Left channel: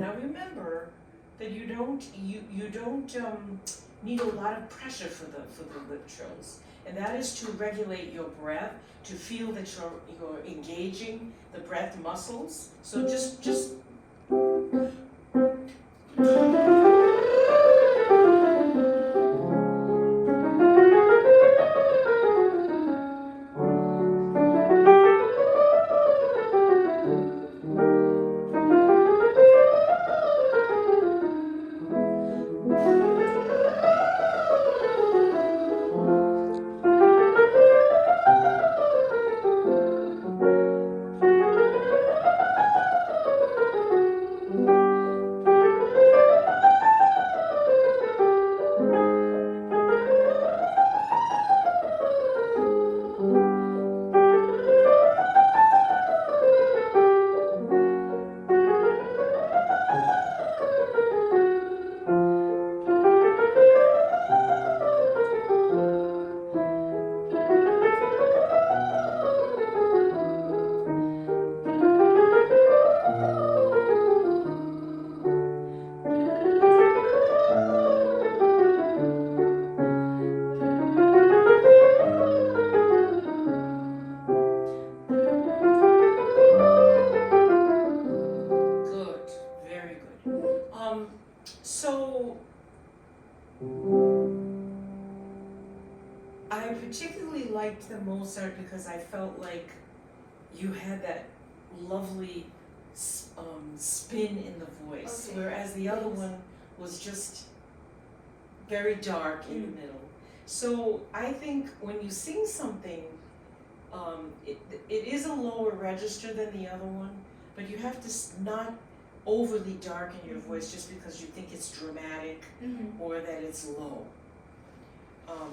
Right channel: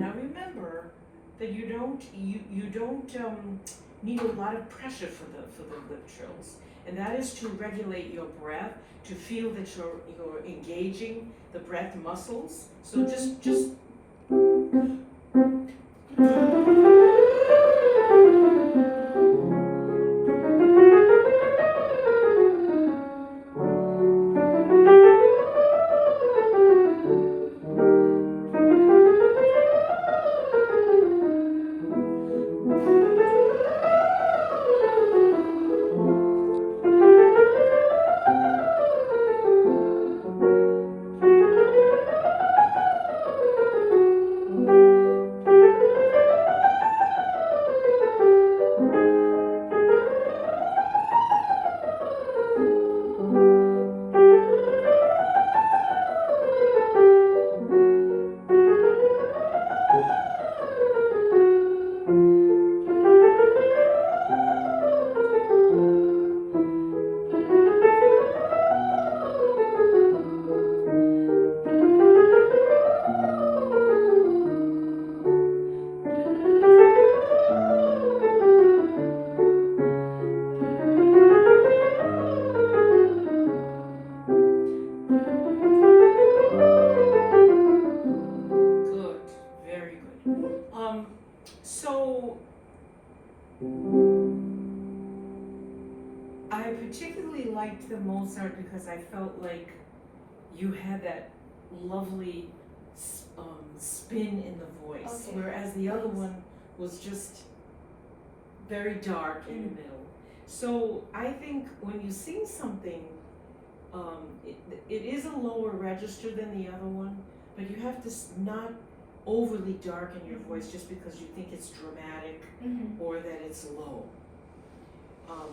Now remember that you don't need a lot of pressure for the lip trills, and that is to regulate your breath, to feel that you're engaging the breath muscles. So just good, very good. So I particularly liked the Mozart because I felt like you had that lovely spin in the voice, Okay. whereas the other Yes. one was just very dark in the middle. So I think when you sing something, it is a lower register than the other one, but you have to not overly darken your voice just because you think it's dramatic or that it's low.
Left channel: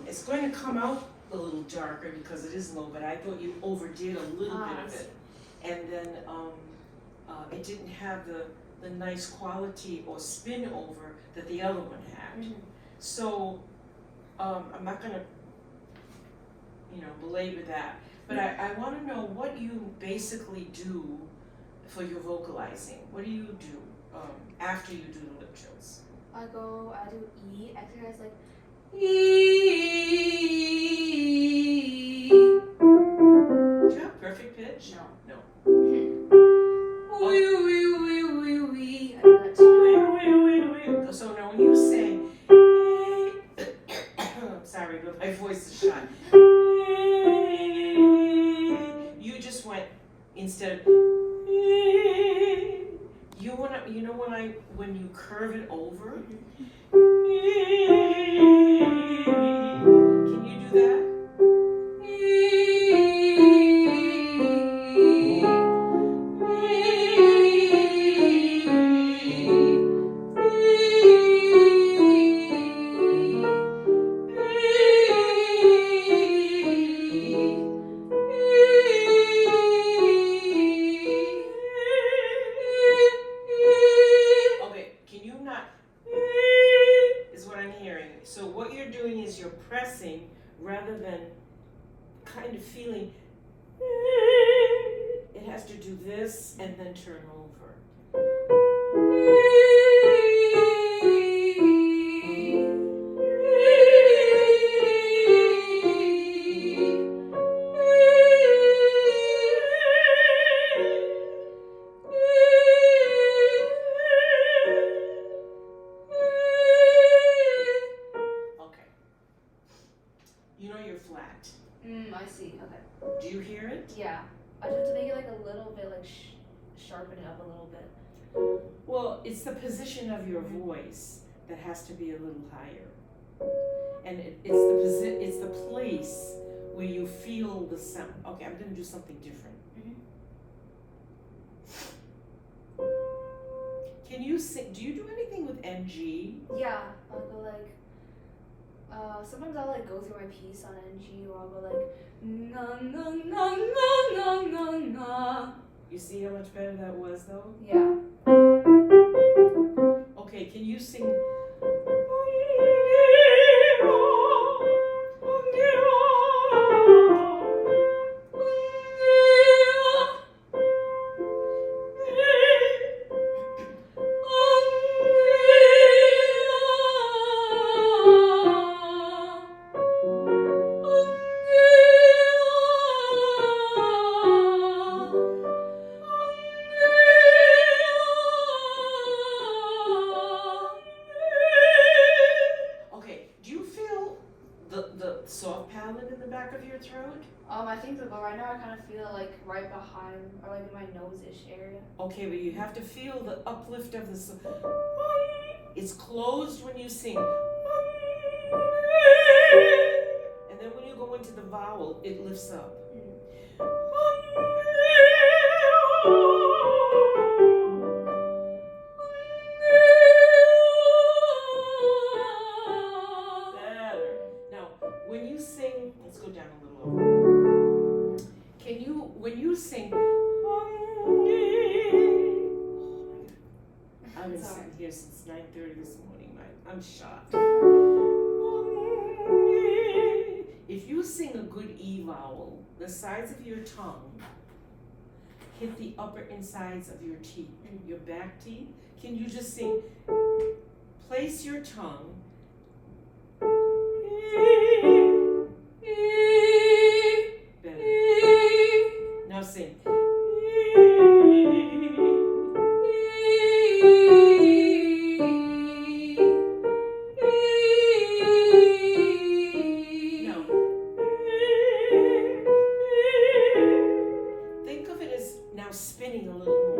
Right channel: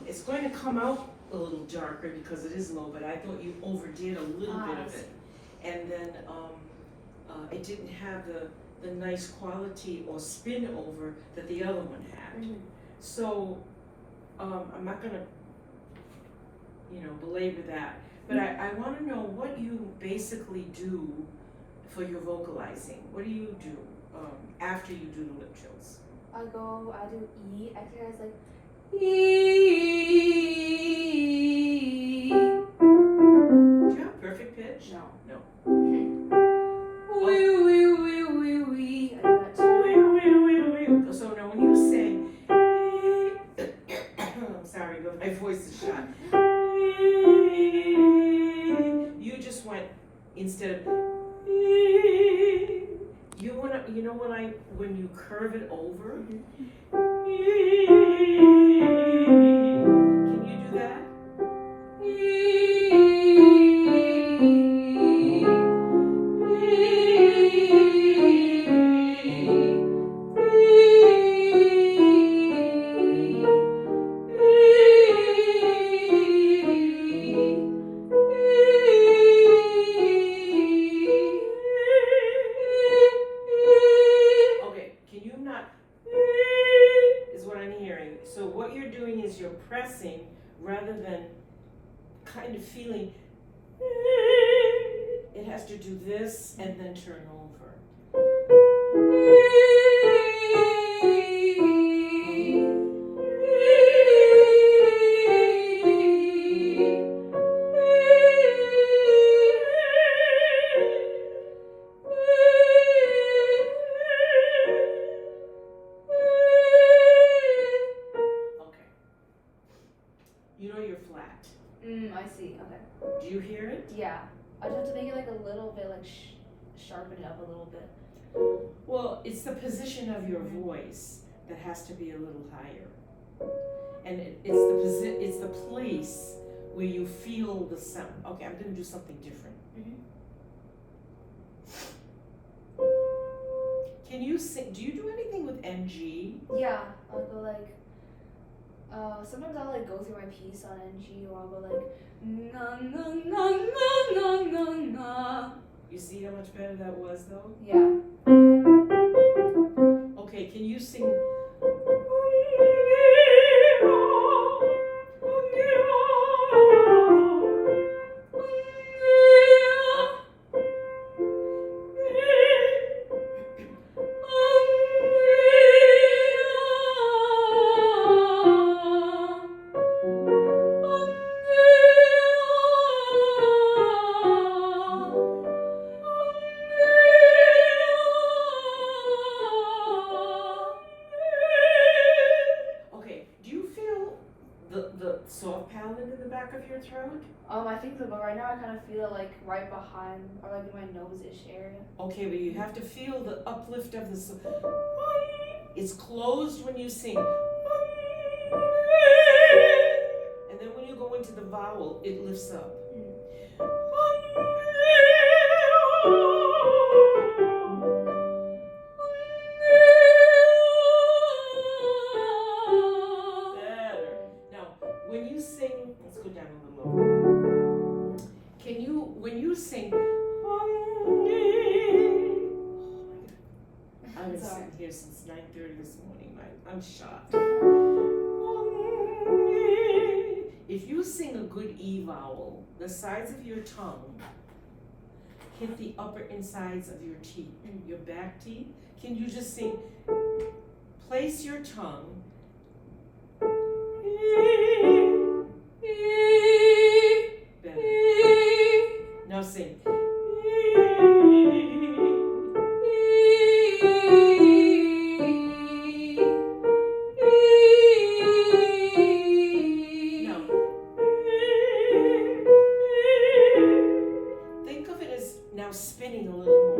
It's going to come out a little darker because it is low, but I thought you overdid a little bit of it. And then it didn't have the nice quality or spin over that the other one had. So I'm not gonna, belabor that, but I wanna know what you basically do for your vocalizing. What do you do after you do the lip trills? I do E exercise like E. Do you have perfect pitch? No. No. Wee, wee, wee, wee, wee. I do that too. So now when you say, I'm sorry, but my voice is shot. You just went instead of when you curve it over. Can you do that? Okay, can you not? Is what I'm hearing. So what you're doing is you're pressing rather than kind of feeling. It has to do this and then turn over. Okay. You know you're flat. I see. Okay. Do you hear it? Yeah. I just have to make it like a little bit like sharpen it up a little bit. Well, it's the position of your voice that has to be a little higher, and it's the place where you feel the sound. Okay, I'm gonna do something different. Can you sing? Do you do anything with NG? Yeah. I'll go like. Sometimes I'll like go through my piece on NG, or I'll go like na na na na na na na. You see how much better that was, though? Yeah. Okay, can you sing? high or like in my nose-ish area. Okay, but you have to feel the uplift of the it's closed when you sing. And then when you go into the vowel, it lifts up. Better. Now, when you sing, let's go down a little lower. When you sing, I've been sitting here since 9:30 this morning. I'm shot. If you sing a good E vowel, the sides of your tongue hit the upper insides of your teeth, your back teeth. Can you just sing? Place your tongue. Better. Now sing. Now, think of it as now spinning a little more.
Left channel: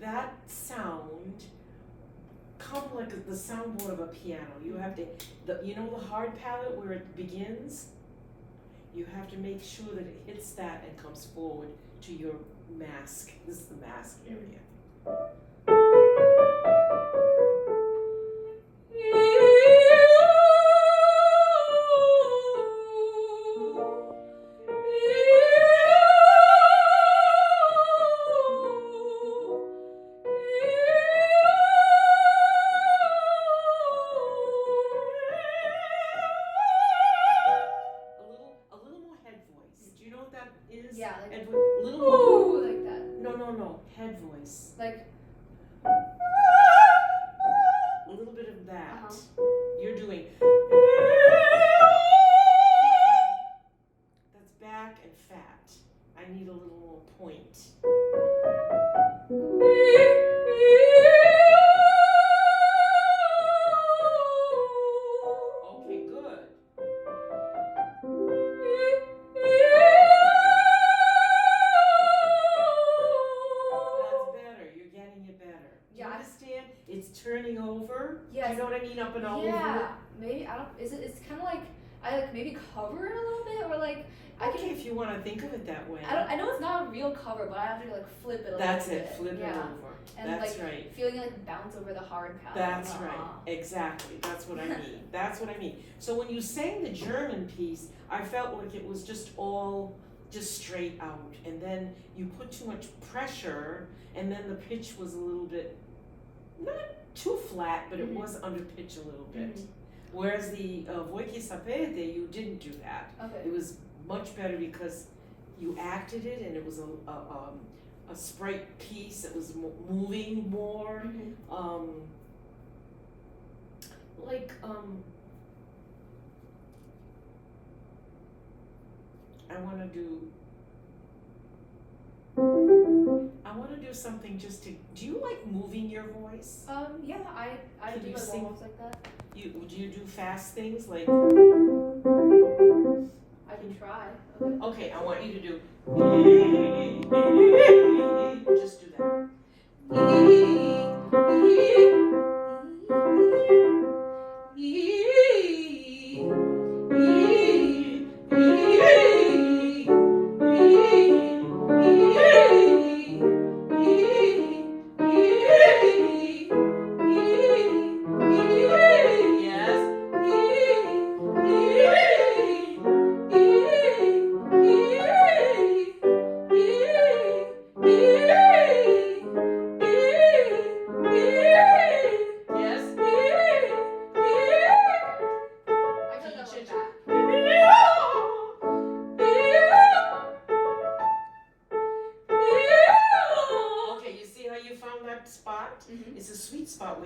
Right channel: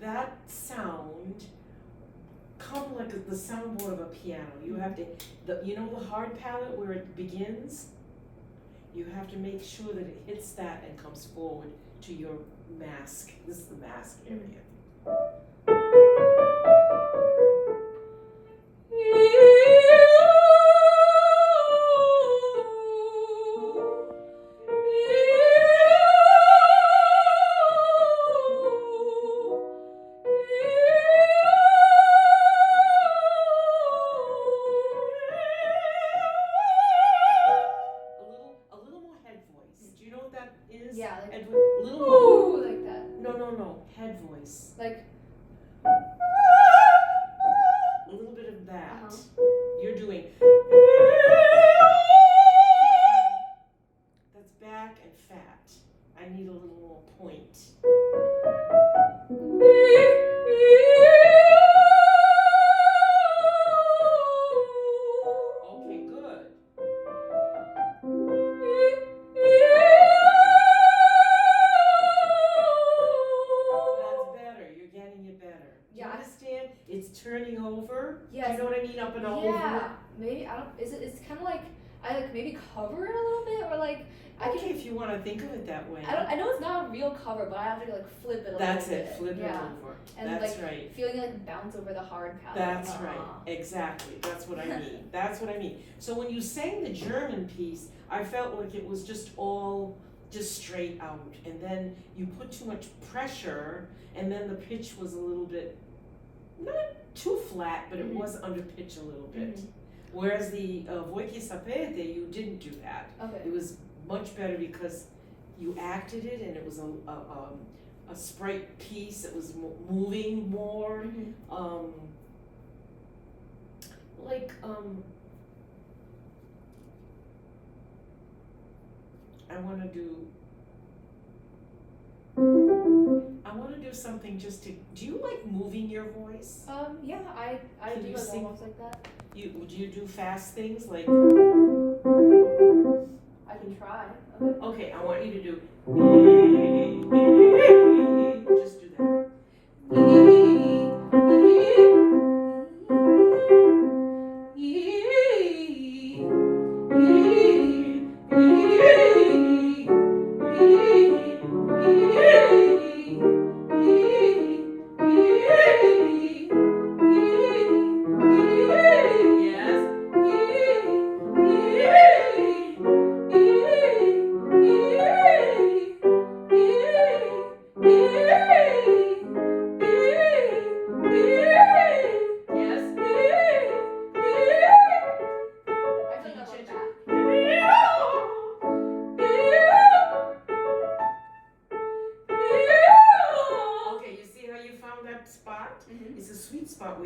That sound come like the soundboard of a piano. You have to, the hard palate where it begins, you have to make sure that it hits that and comes forward to your mask. This is the mask area. Yeah, like a little more. Like that. No, head voice. Like a little bit of that. You're doing. That's back and fat. I need a little more point. Okay, good. Yeah, understand? It's turning over. Yes. Do you know what I mean? Up and over. Yeah. Maybe I don't. It's kind of like I like maybe cover it a little bit, or like I okay, can. If you want to think of it that way. I know it's not a real cover, but I have to like flip it a That's little it. bit. Flip it over. And that's like right. feeling like bounce over the hard palate. That's right. Exactly. That's what I mean. That's what I mean. So when you sang the German piece, I felt like it was just all just straight out, and then you put too much pressure, and then the pitch was a little bit not too flat, but it was under pitch a little bit. Whereas the Voi che sapete, you didn't do that. Okay. It was much better because you acted it, and it was a sprite piece. It was moving more. I want to do something just to. Do you like moving your voice? Yeah, I Can do you like sing? almost like that. Do you do fast things like? I can try. Okay, I want you to do. Just do that.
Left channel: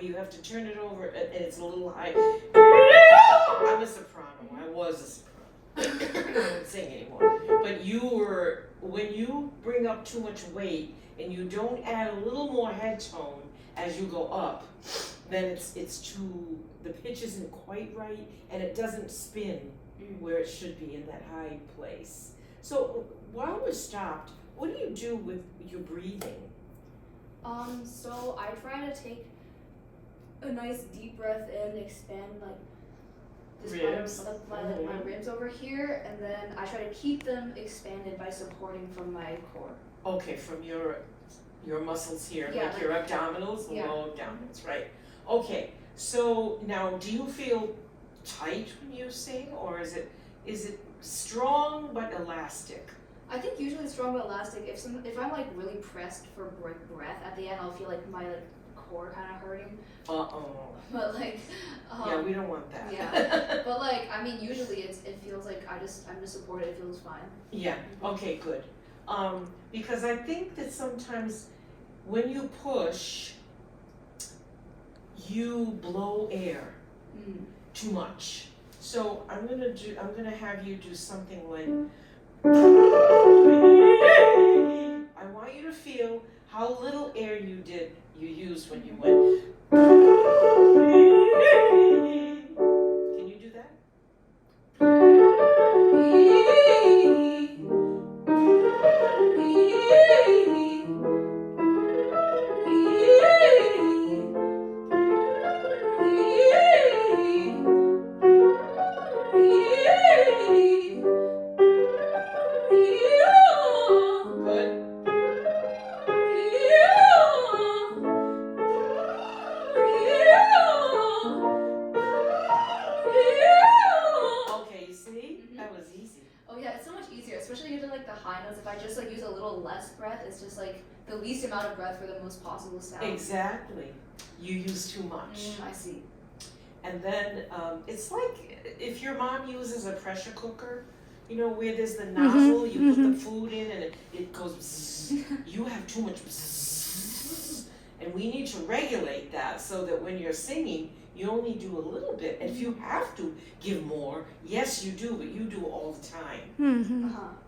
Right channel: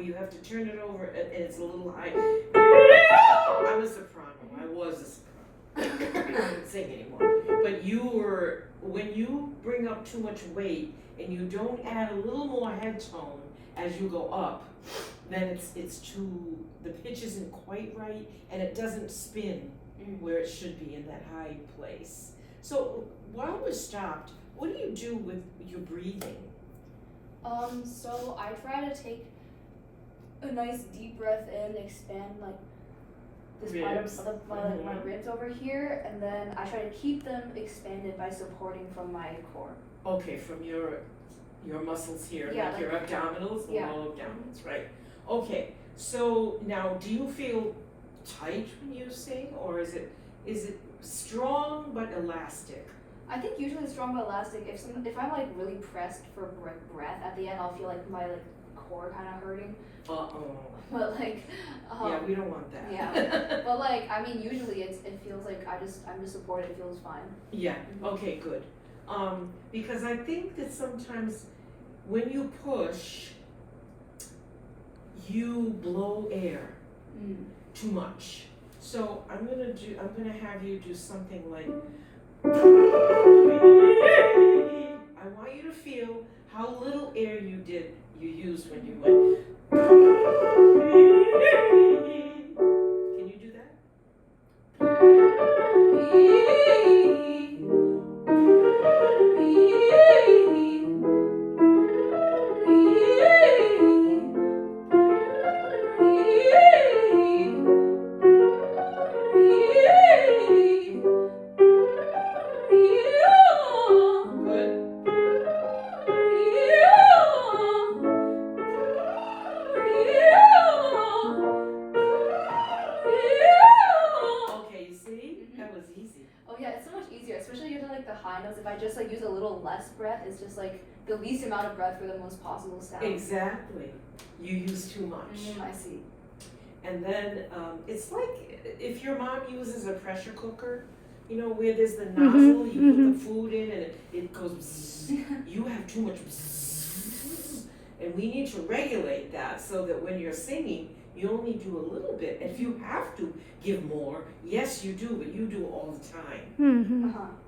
you have to turn it over and it's a little high. I'm a soprano. I was a soprano. I don't sing anymore. But when you bring up too much weight and you don't add a little more head tone as you go up, then it's too, the pitch isn't quite right and it doesn't spin where it should be in that high place. So while we're stopped, what do you do with your breathing? So I try to take a nice deep breath in, expand like this Ribs. part of my ribs over here, and then I try to keep them expanded by supporting from my core. Okay, from your muscles here, Yeah, like your abdominals, the yeah. low abdominals, right? Okay, so now do you feel tight when you sing, or is it strong but elastic? I think usually strong but elastic. If I'm like really pressed for breath at the end, I'll feel like my core kind of hurting. But like, yeah, we don't want that. Yeah, but like, I mean, usually it feels like I'm just supported. It feels fine. Yeah. Okay. Good. Because I think that sometimes when you push, you blow air too much. So I'm gonna have you do something like. I want you to feel how little air you used when you went. Can you do that? If I just like use a little less breath, it's just like the least amount of breath for the most possible sound. Exactly. You use too much. I see. And then it's like if your mom uses a pressure cooker, you know, where there's the nozzle, you put the food in and it goes bzzz. You have too much bzzz. And we need to regulate that so that when you're singing, you only do a little bit. And if you have to give more, yes you do, but you do all the time.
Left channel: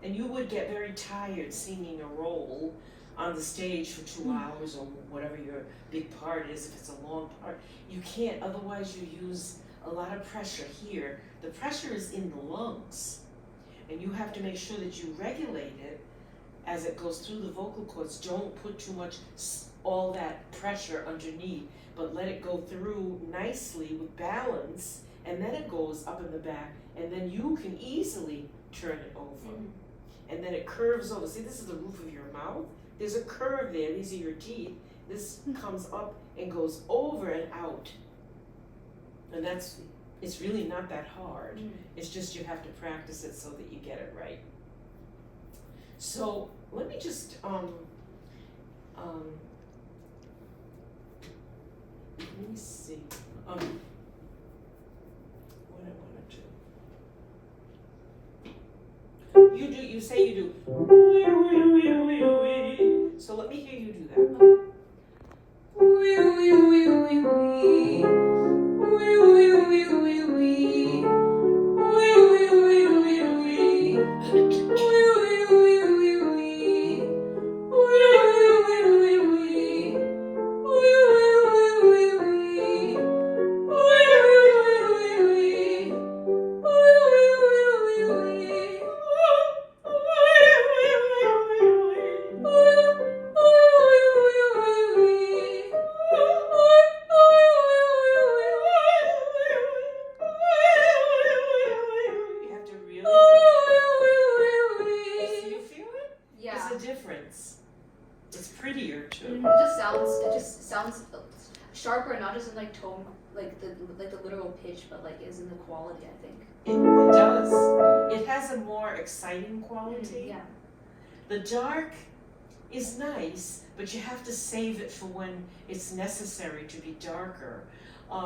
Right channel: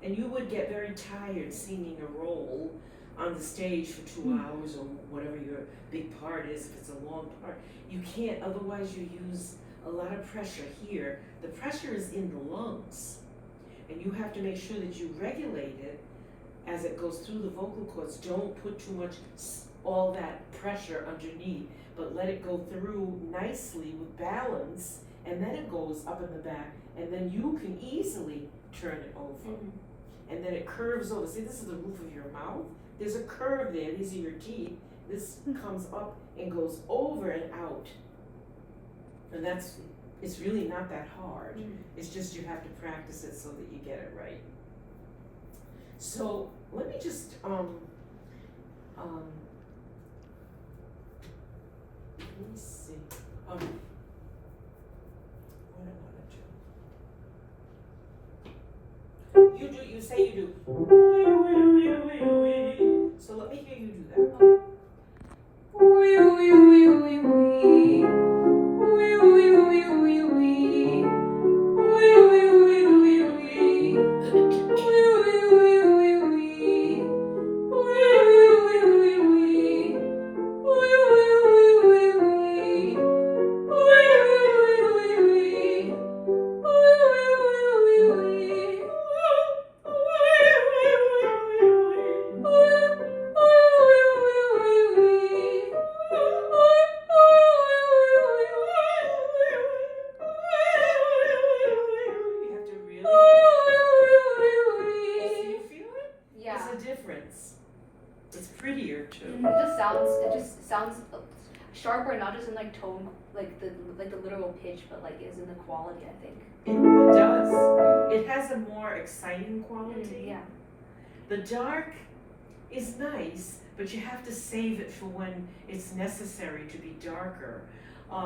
And you would get very tired singing a role on the stage for 2 hours or whatever your big part is, if it's a long part. You can't, otherwise you use a lot of pressure here. The pressure is in the lungs. And you have to make sure that you regulate it as it goes through the vocal cords. Don't put too much, all that pressure underneath, but let it go through nicely with balance, and then it goes up in the back, and then you can easily turn it over. And then it curves over. See, this is the roof of your mouth. There's a curve there. These are your teeth. This comes up and goes over and out. And it's really not that hard. It's just you have to practice it so that you get it right. So let me just let me see. What I want to do. You say you do. So let me hear you do that. It just sounds sharper, not just in like tone, like the literal pitch, but like is in the quality, I think. It does. It has a more exciting quality. Yeah. The dark is nice, but you have to save it for when it's necessary to be darker.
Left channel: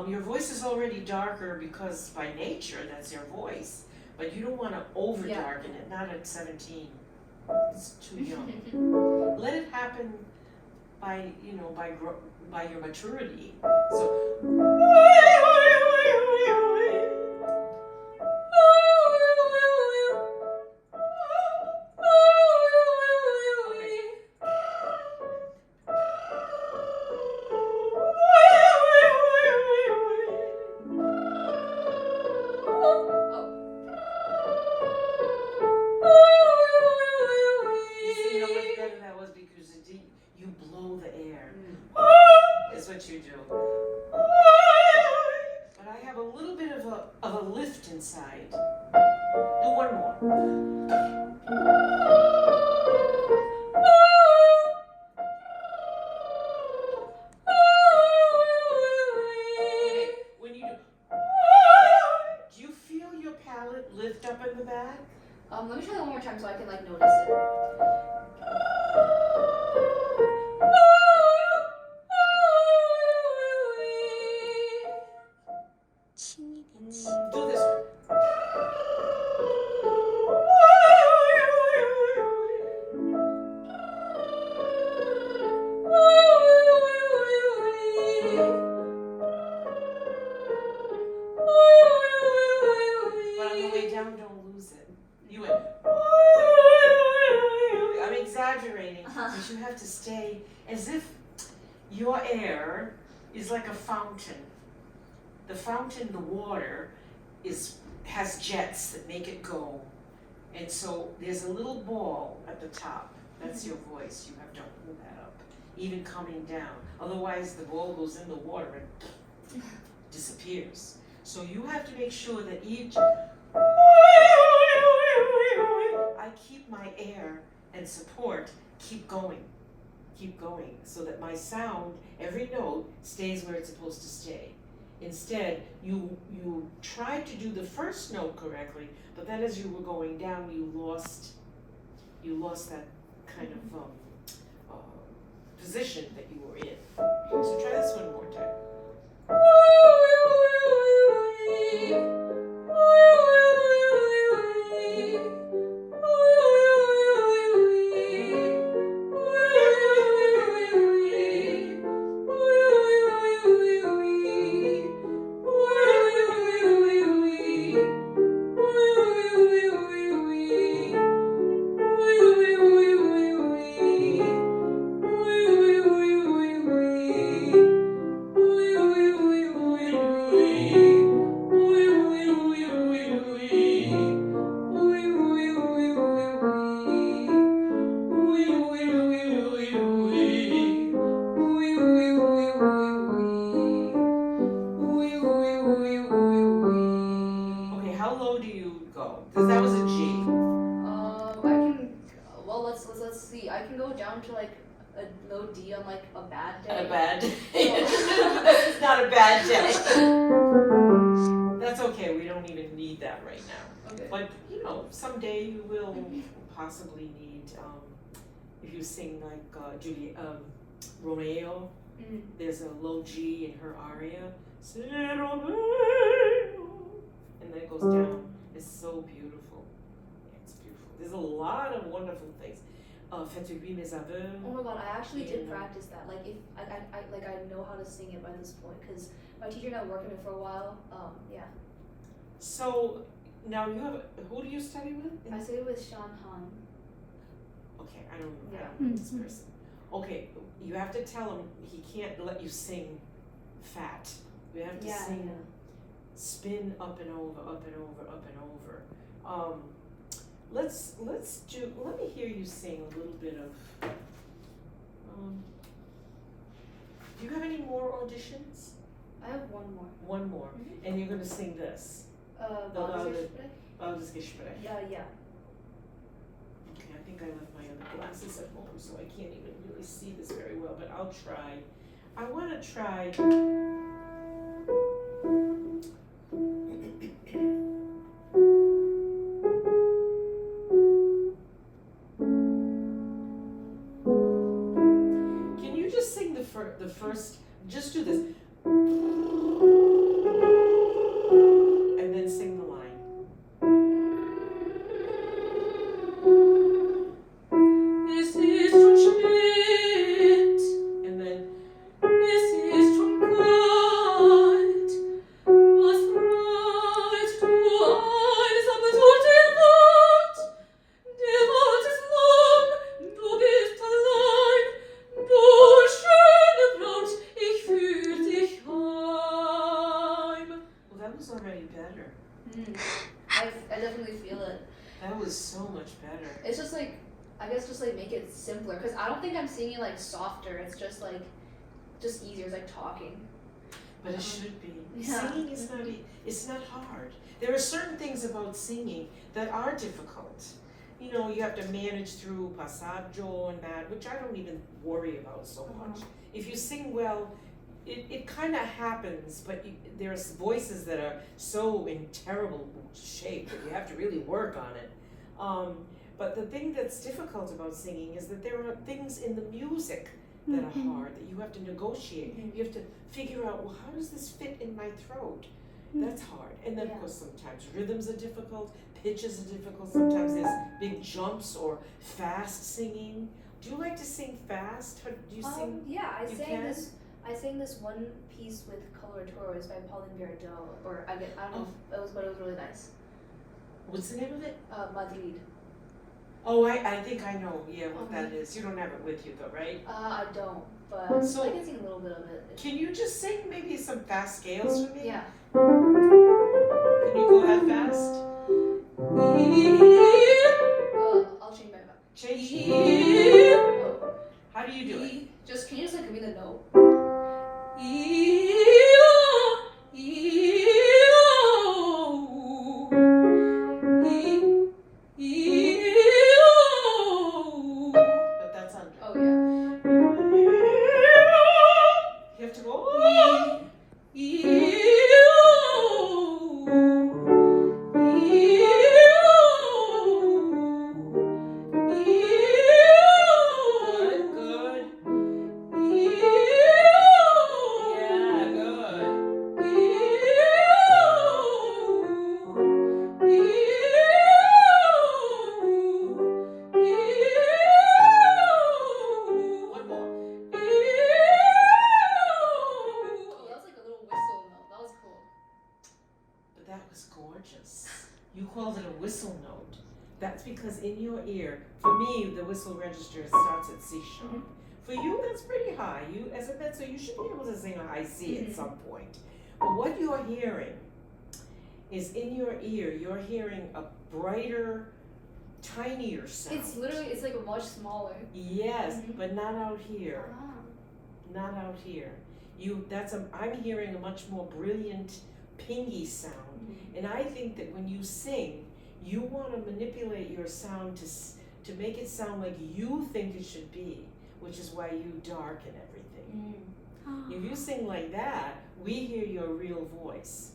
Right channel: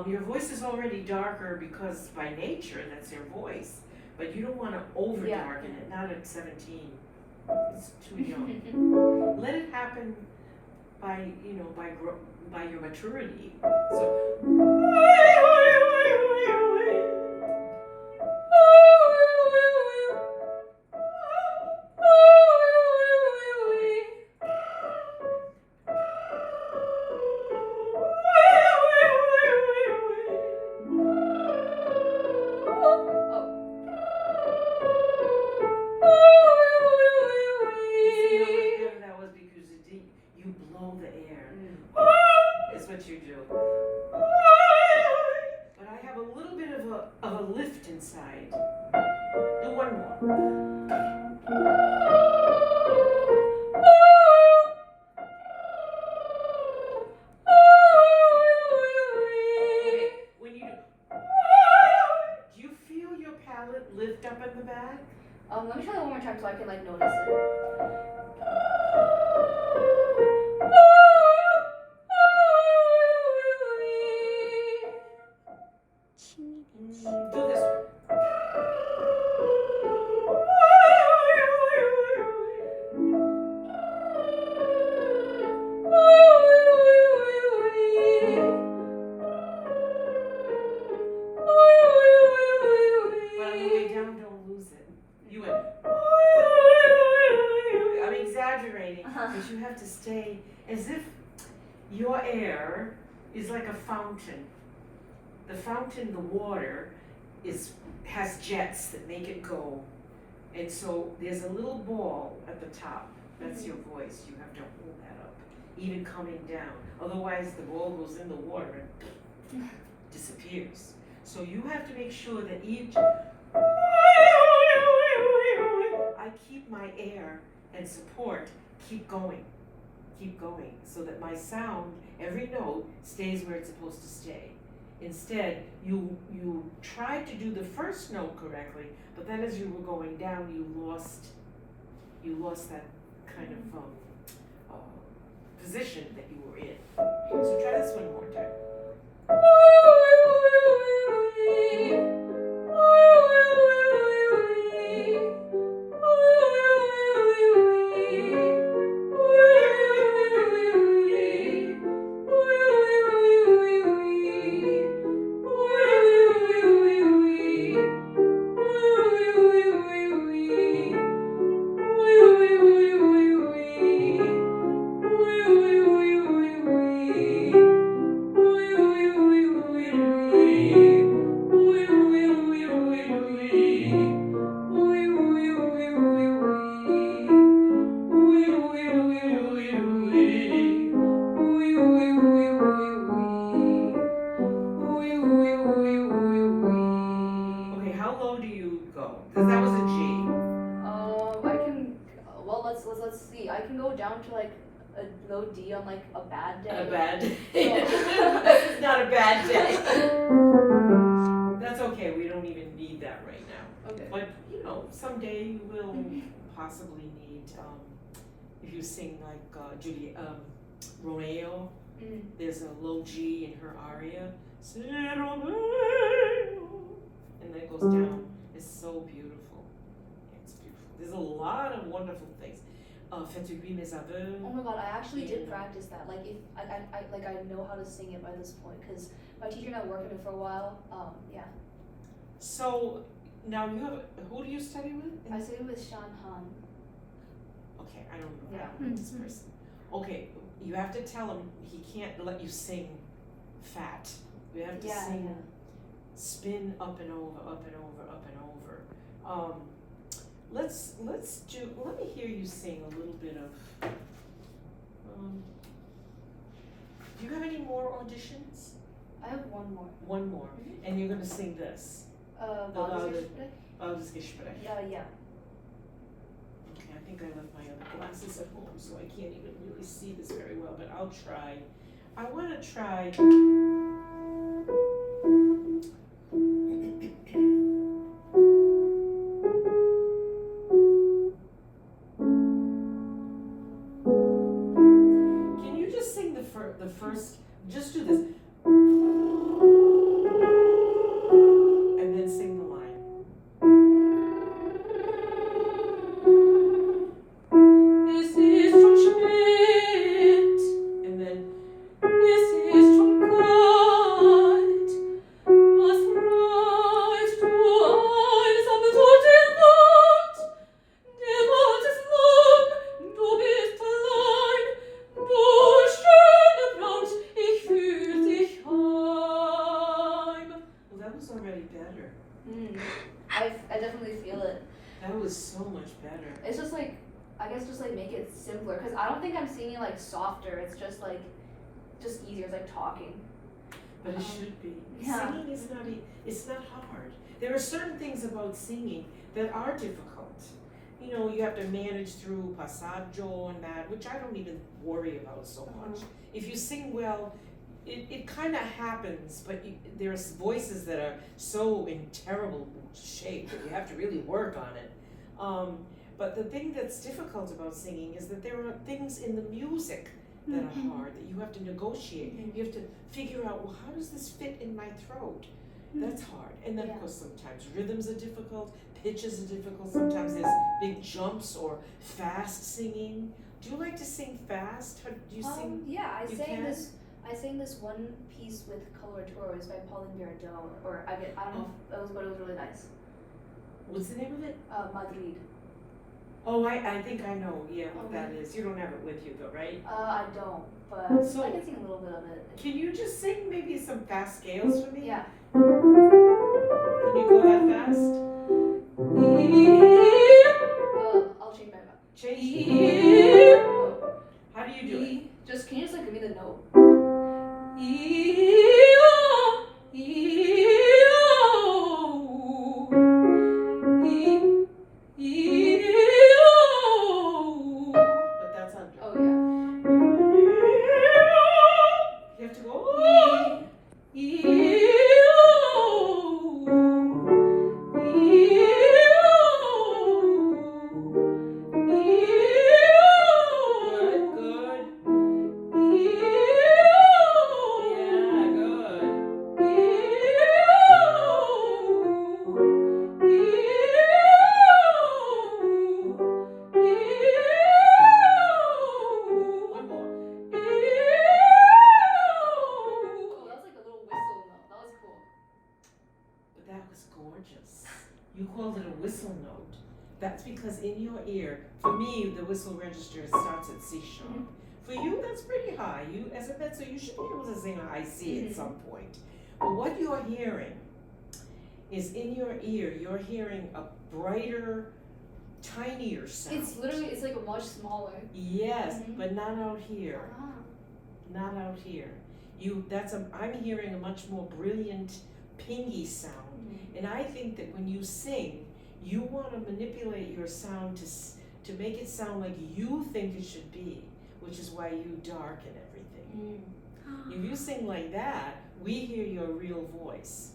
Your voice is already darker because by nature that's your voice, but you don't want to over darken it. Not at 17. It's too young. Let it happen by by your maturity. So. See how much better that was because you blow the air. Is what you do. But I have a little bit of a lift inside. Do one more. Okay, when you do you feel your palate lift up in the back? Let me try that one more time so I can like notice it. Do this one. But on the way down, don't lose it. You went. I'm exaggerating, but you have to stay as if your air is like a fountain. The fountain, the water, has jets that make it go. And so there's a little ball at the top. That's your voice. You have to hold that up, even coming down. Otherwise, the ball goes in the water and disappears. So you have to make sure that each I keep my air and support keep going, so that my sound, every note, stays where it's supposed to stay. Instead, you tried to do the first note correctly, but then as you were going down, you lost that kind of position that you were in. So try this one more time. Okay, how low do you go? Because that was a G. I can. Well, let's see. I can go down to like a low D on like a bad day. A bad day. This is not a bad day. That's okay. We don't even need that right now. Okay. But someday you will possibly need. If you sing like Romeo, there's a low G in her aria. And then it goes down. It's so beautiful. It's beautiful. There's a lot of wonderful things. Fais-tu mes aveux? Oh my god, I actually did practice that. Like if I know how to sing it by this point because my teacher and I worked with it for a while. Yeah. So now you have. Who do you study with? I studied with Shan Han. Okay, I don't know this person. Okay, you have to tell him he can't let you sing fat. You have to sing, spin up and over, up and over, up and over. Let me hear you sing a little bit of. Do you have any more auditions? I have one more. One more, and you're gonna sing this. Gespräch. Yeah. Okay, I think I left my other glasses at home, so I can't even really see this very well, but I'll try. I want to try. Can you just sing the first? Just do this. And then sing the line. Es ist schon spät. And then es was already better. I definitely feel it. That was so much better. It's just like, I guess just like make it simpler, because I don't think I'm singing like softer. It's just like, just easier. It's like talking. But it should be. Yeah. Singing is not, it's not hard. There are certain things about singing that are difficult. You know, you have to manage through passaggio and that, which I don't even worry about so much. If you sing well, it kind of happens, but there's voices that are so in terrible shape that you have to really work on it. But the thing that's difficult about singing is that there are things in the music that are hard, that you have to negotiate. You have to figure out, well, how does this fit in my throat? That's hard. And then, of course, sometimes rhythms are difficult, pitches are difficult, sometimes there's big jumps or fast singing. Do you like to sing fast? Or do you sing? Yeah, I you sang can? this one piece with Coloratores by Pauline Viardot, or I don't know, but it was really nice. What's the name of it? Madrid. Oh, I think I know, what that is. You don't have it with you though, right? I don't, but So- I can sing a little bit of it. Can you just sing maybe some fast scales for me? Yeah. Can you go that fast? I'll change my mind. Change. Oh. How do you do it? Just, can you just like give me the note? But that's under. Oh yeah. You have to go. Good. Yeah, good. One more. Oh, that was like a little whistle note. That was cool. But that was gorgeous. You called it a whistle note. That's because in your ear, for me, the whistle register starts at C sharp. For you, that's pretty high. You, as a mezzo, you should be able to sing a high C at some point. But what you're hearing is in your ear, you're hearing a brighter, tinier sound. It's like a much smaller. Yes, but not out here. Ah. Not out here. I'm hearing a much more brilliant, pingy sound. And I think that when you sing, you want to manipulate your sound to make it sound like you think it should be, which is why you darken everything. If you sing like that, we hear your real voice.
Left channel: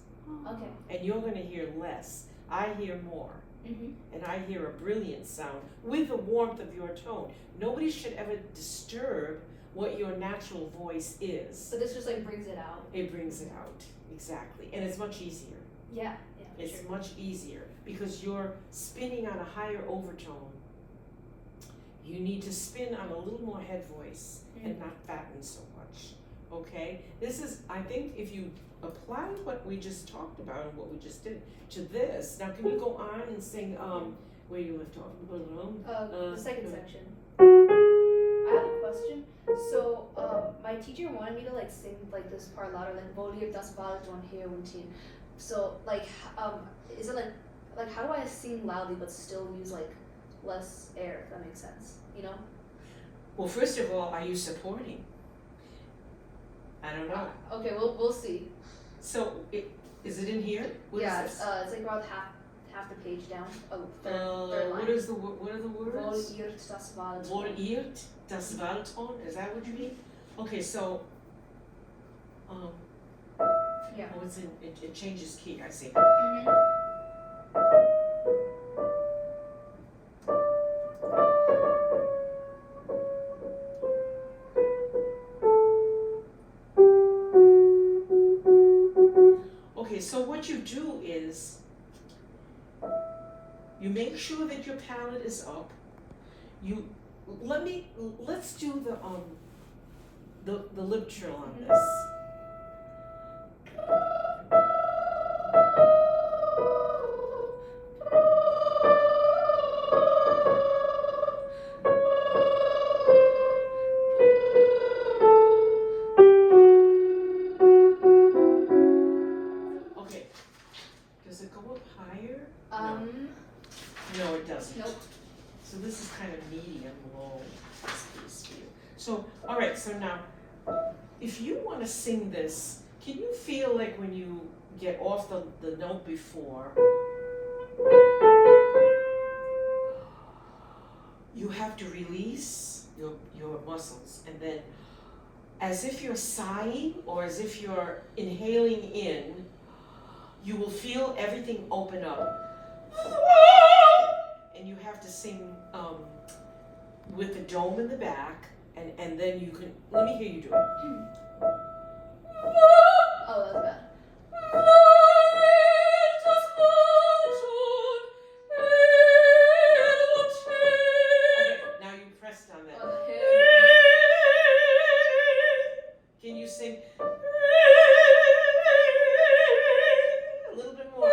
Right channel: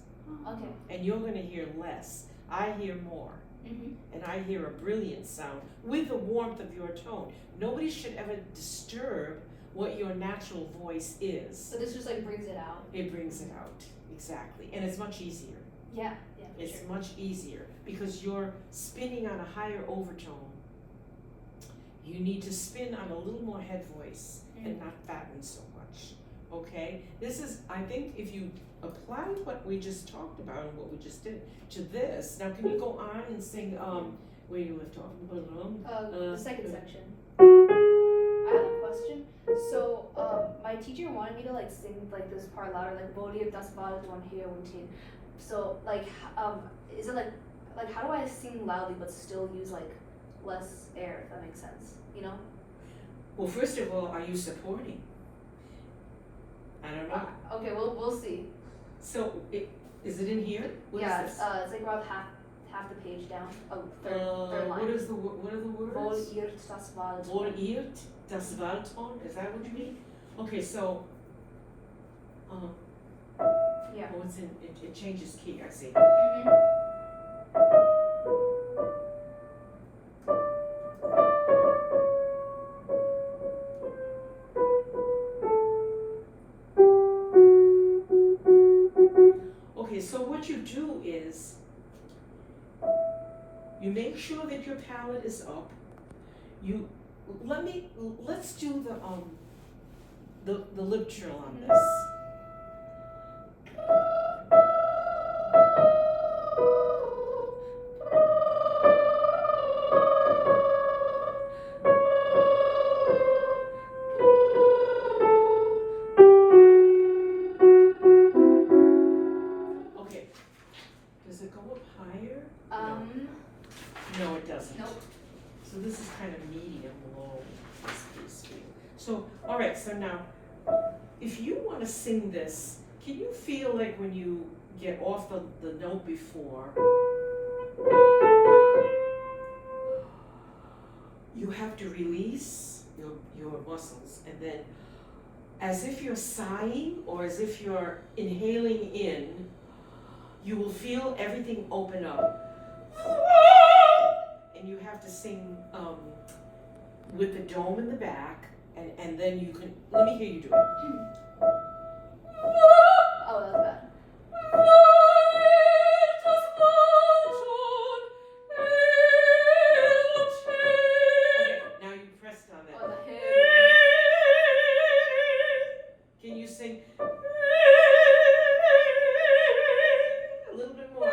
Okay. And you're going to hear less. I hear more. And I hear a brilliant sound with the warmth of your tone. Nobody should ever disturb what your natural voice is. So this just like brings it out. It brings it out, exactly. And it's much easier. Yeah. For It's sure. much easier because you're spinning on a higher overtone. You need to spin on a little more head voice and not fatten so much. Okay? This is, I think, if you apply what we just talked about and what we just did to this. Now, can you go on and sing where you left off? The second section. I have a question. So, my teacher wanted me to like sing like this part louder, like Morir das Wald von hier unten. So, like, is it like how do I sing loudly but still use like less air? If that makes sense, you know? Well, first of all, are you supporting? I don't know. Okay, we'll see. So, is it in here? What Yeah, is this? it's like around half the page down. Oh, third line. What are the words? Morir das Wald. Wohlirt das Waldton? Is that what you mean? Okay, so, Yeah. oh, it's in, it changes key, I see. Okay, so what you do is, you make sure that your palate is up. Let's do the lip trill on this. Okay, No, it doesn't. Nope. So this is kind of medium low, this piece for you. So, all right, so now, if you want to sing this, can you feel like when you get off the note before, you have to release your muscles, and then as if you're sighing or as if you're inhaling in, you will feel everything open up. And you have to sing with the dome in the back, and then you can, let me hear you do it. Oh, that was bad. Okay, now you pressed on that. On the head. Can you sing a little bit more?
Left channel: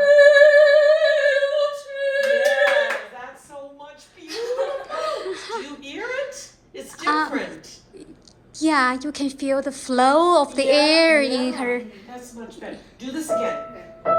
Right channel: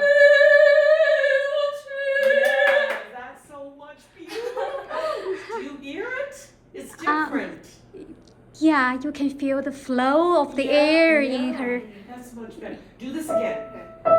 Yeah, that's so much beautiful. Do you hear it? It's different. Yeah, you can feel the flow of the air in her. That's much better. Do this again. Okay.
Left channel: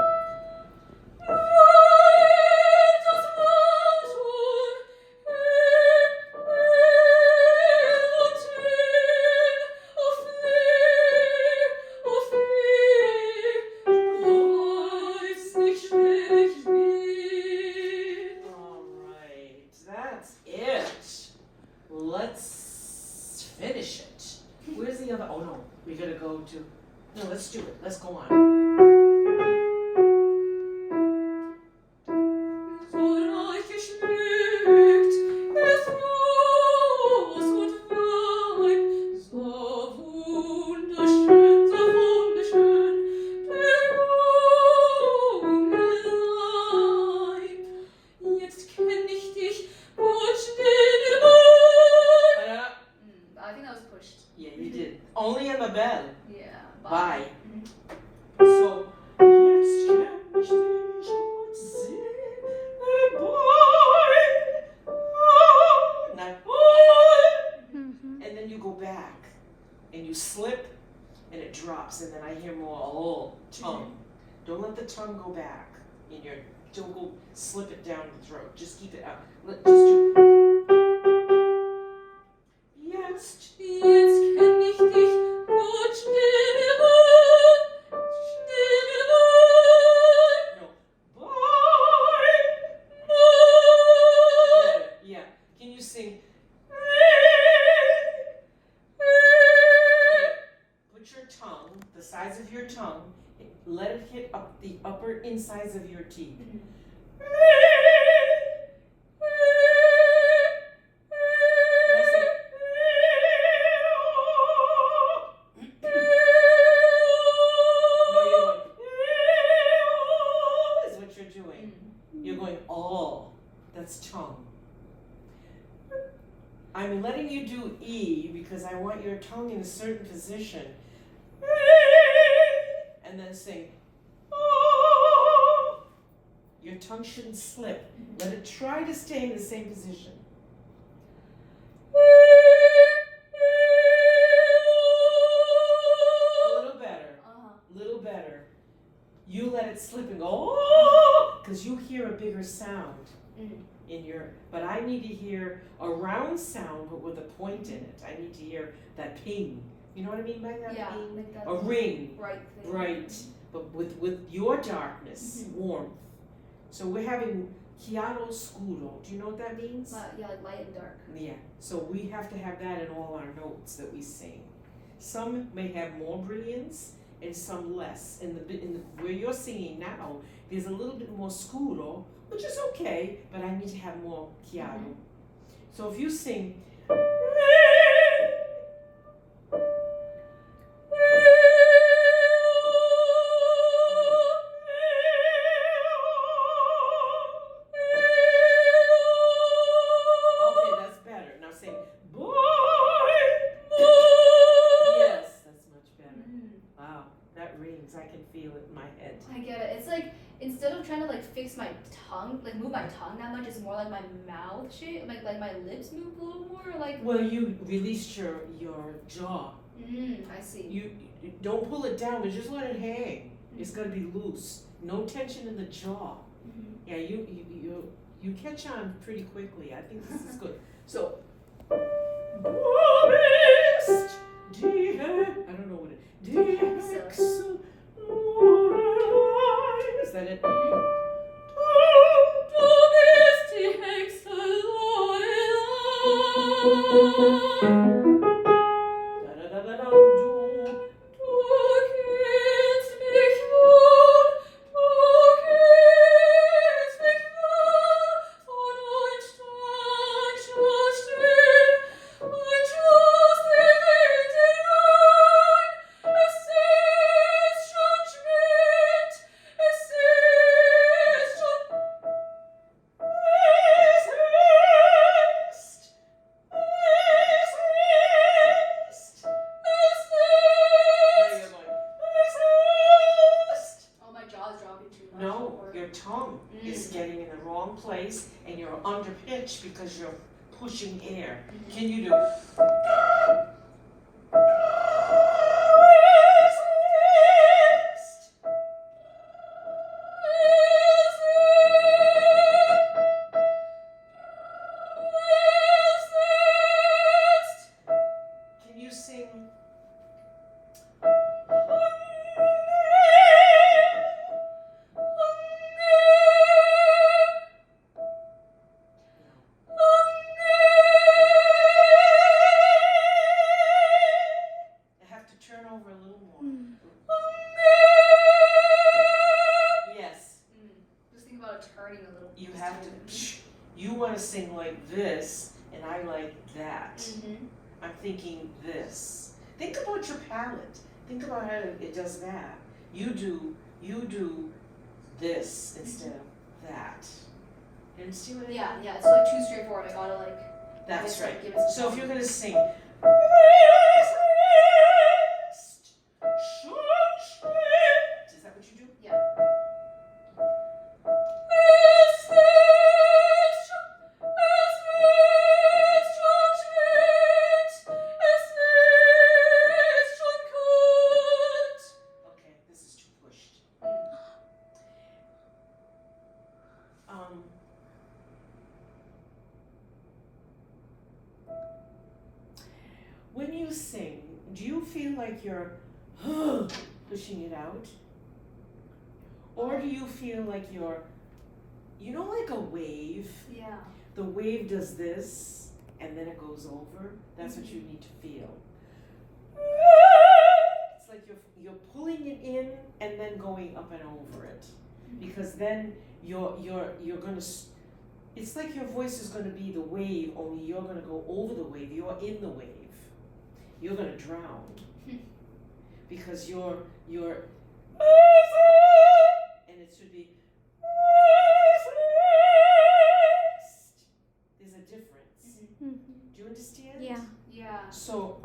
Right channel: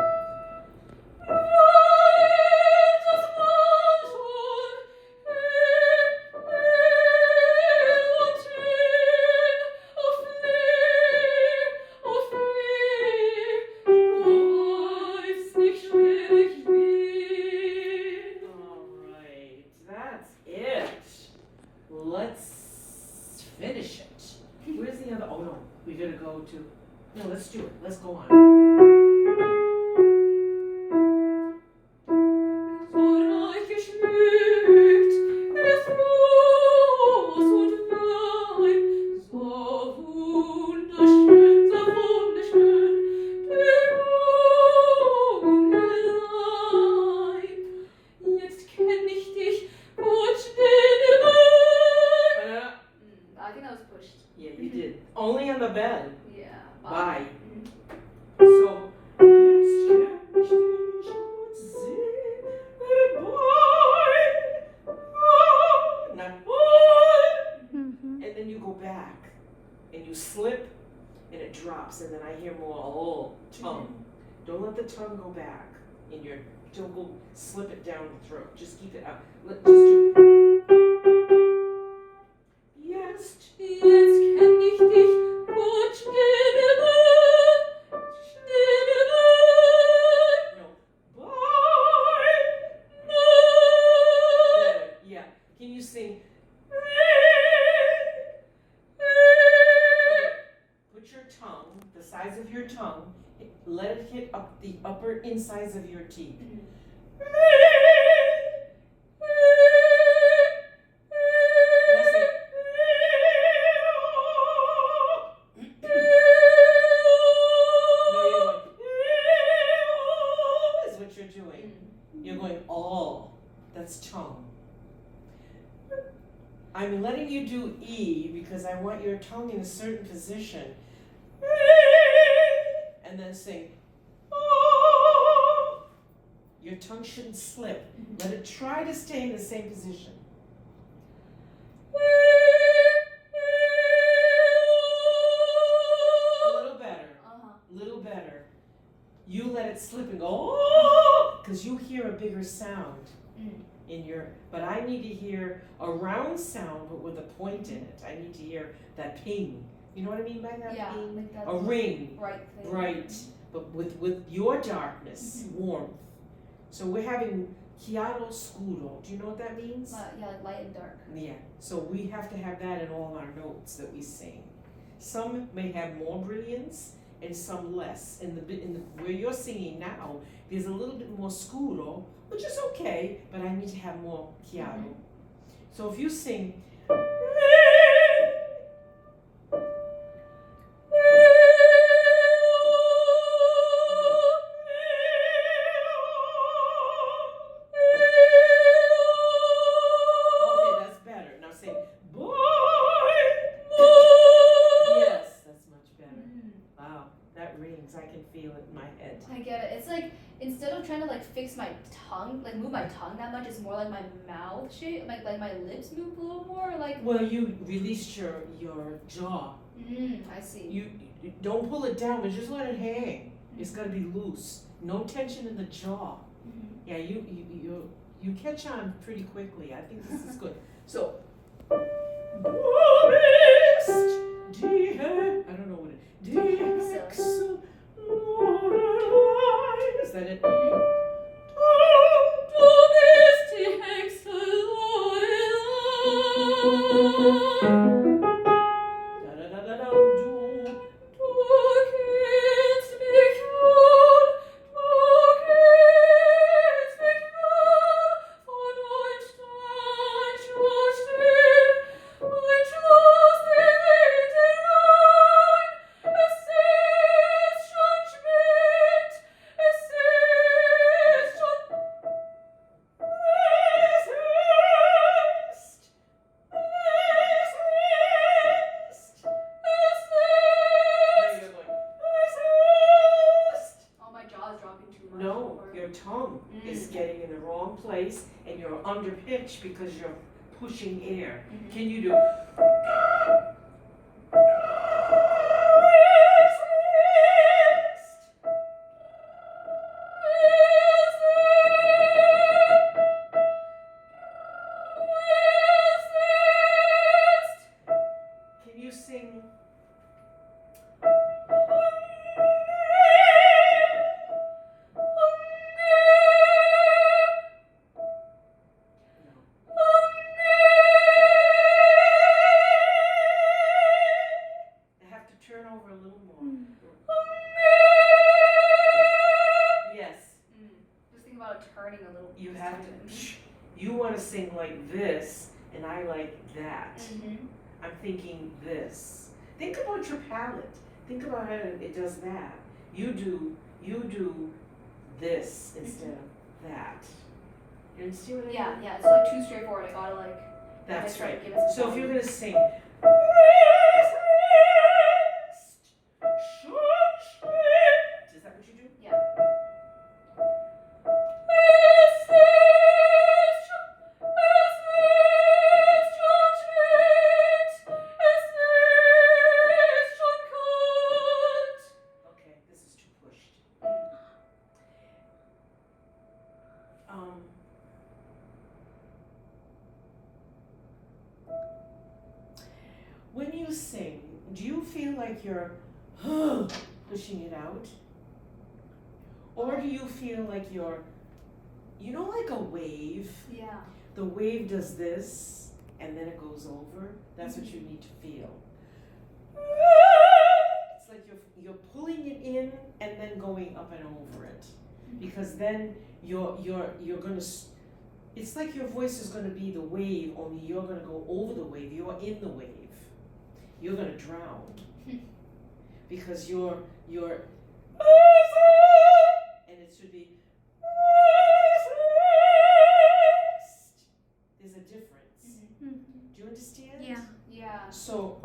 Alright, that's it. Well, let's finish it. Where's the other? Oh no, we gotta go to. No, let's do it. Let's go on. I think that was pushed. Yeah, you did. Only on the bell. Yeah. Bye. So, jetzt kenn ich dich und sehe not Mhm. and then you go back and you slip and it drops and then I hear more tongue. Don't let the tongue go back in your, don't go slip it down the throat. Just keep it up. Just do Jetzt kenn ich dich gut Yeah. Can you sing? Put your tongue, the size of your tongue, let it hit up the upper insides of your teeth. You're going all. That's tongue. I'm letting you do E because I want your tongue in a certain position. And then sing. Your tongue shouldn't slip. Let it try to stay in the same position. A little better. Little better. You let it slip and go, oh, because you hear a bigger sound in your, but I need to hear a round sound but with a point in it. I need to hear that ping. You know what I mean by that Yeah, ping? like that A ring. bright thing. Right. But with your darkness, warmth. So we're having chiaro scuro. Do you know what that means? Yeah, like light and dark. Yeah. So we have to have that in all our notes that we sing. Some may have more brilliance and some less. In the where you're singing now, there's a little bit more scuro, which is okay, but I need to have more chiaro. So if you sing okay, that's better. Now sing boy. Yes, that's much better. Wow, that rings. I can feel it in my head. I get it. It's like instead of trying to like fix my tongue, like move my tongue that much, it's more like my mouth shape, like my lips move a little more, like. Well, you released your jaw. I see. You don't pull it down, but just let it hang. It's got to be loose. No tension in the jaw. Yeah, you catch on pretty quickly. I think this is good. So, I don't know what it. Is that it? Oh, my jaw's dropping too much. No, your tongue is getting in the wrong place and you're under pitch because you're pushing air. Can you do? Can you sing? Turn over a little more. Yes. Just think about turning a little. You have to. You want to sing like this, and I like that. I'm thinking this. Think about your palette. Think about how it does that. You do this instead of that. You understand what I mean? Yeah, it's like too straightforward. I gotta like. That's I gotta right. give it some So if you're time. gonna sing. Is that what you do? Yeah. Okay, this is too pushed. When you sing, do you feel like you're pushing it out? Or do you feel like you're, like a wave? Yeah. The wave does this, and then it goes over. That's what you need to feel. It's like you're pulling it in and then going up and over it, because then you're gonna. It's like your voice is gonna be the wave, only you're gonna go over the wave. You're in the wave. You're gonna drown because you're. And it should be. There's a difference. Do you understand? Yeah. Yeah. So,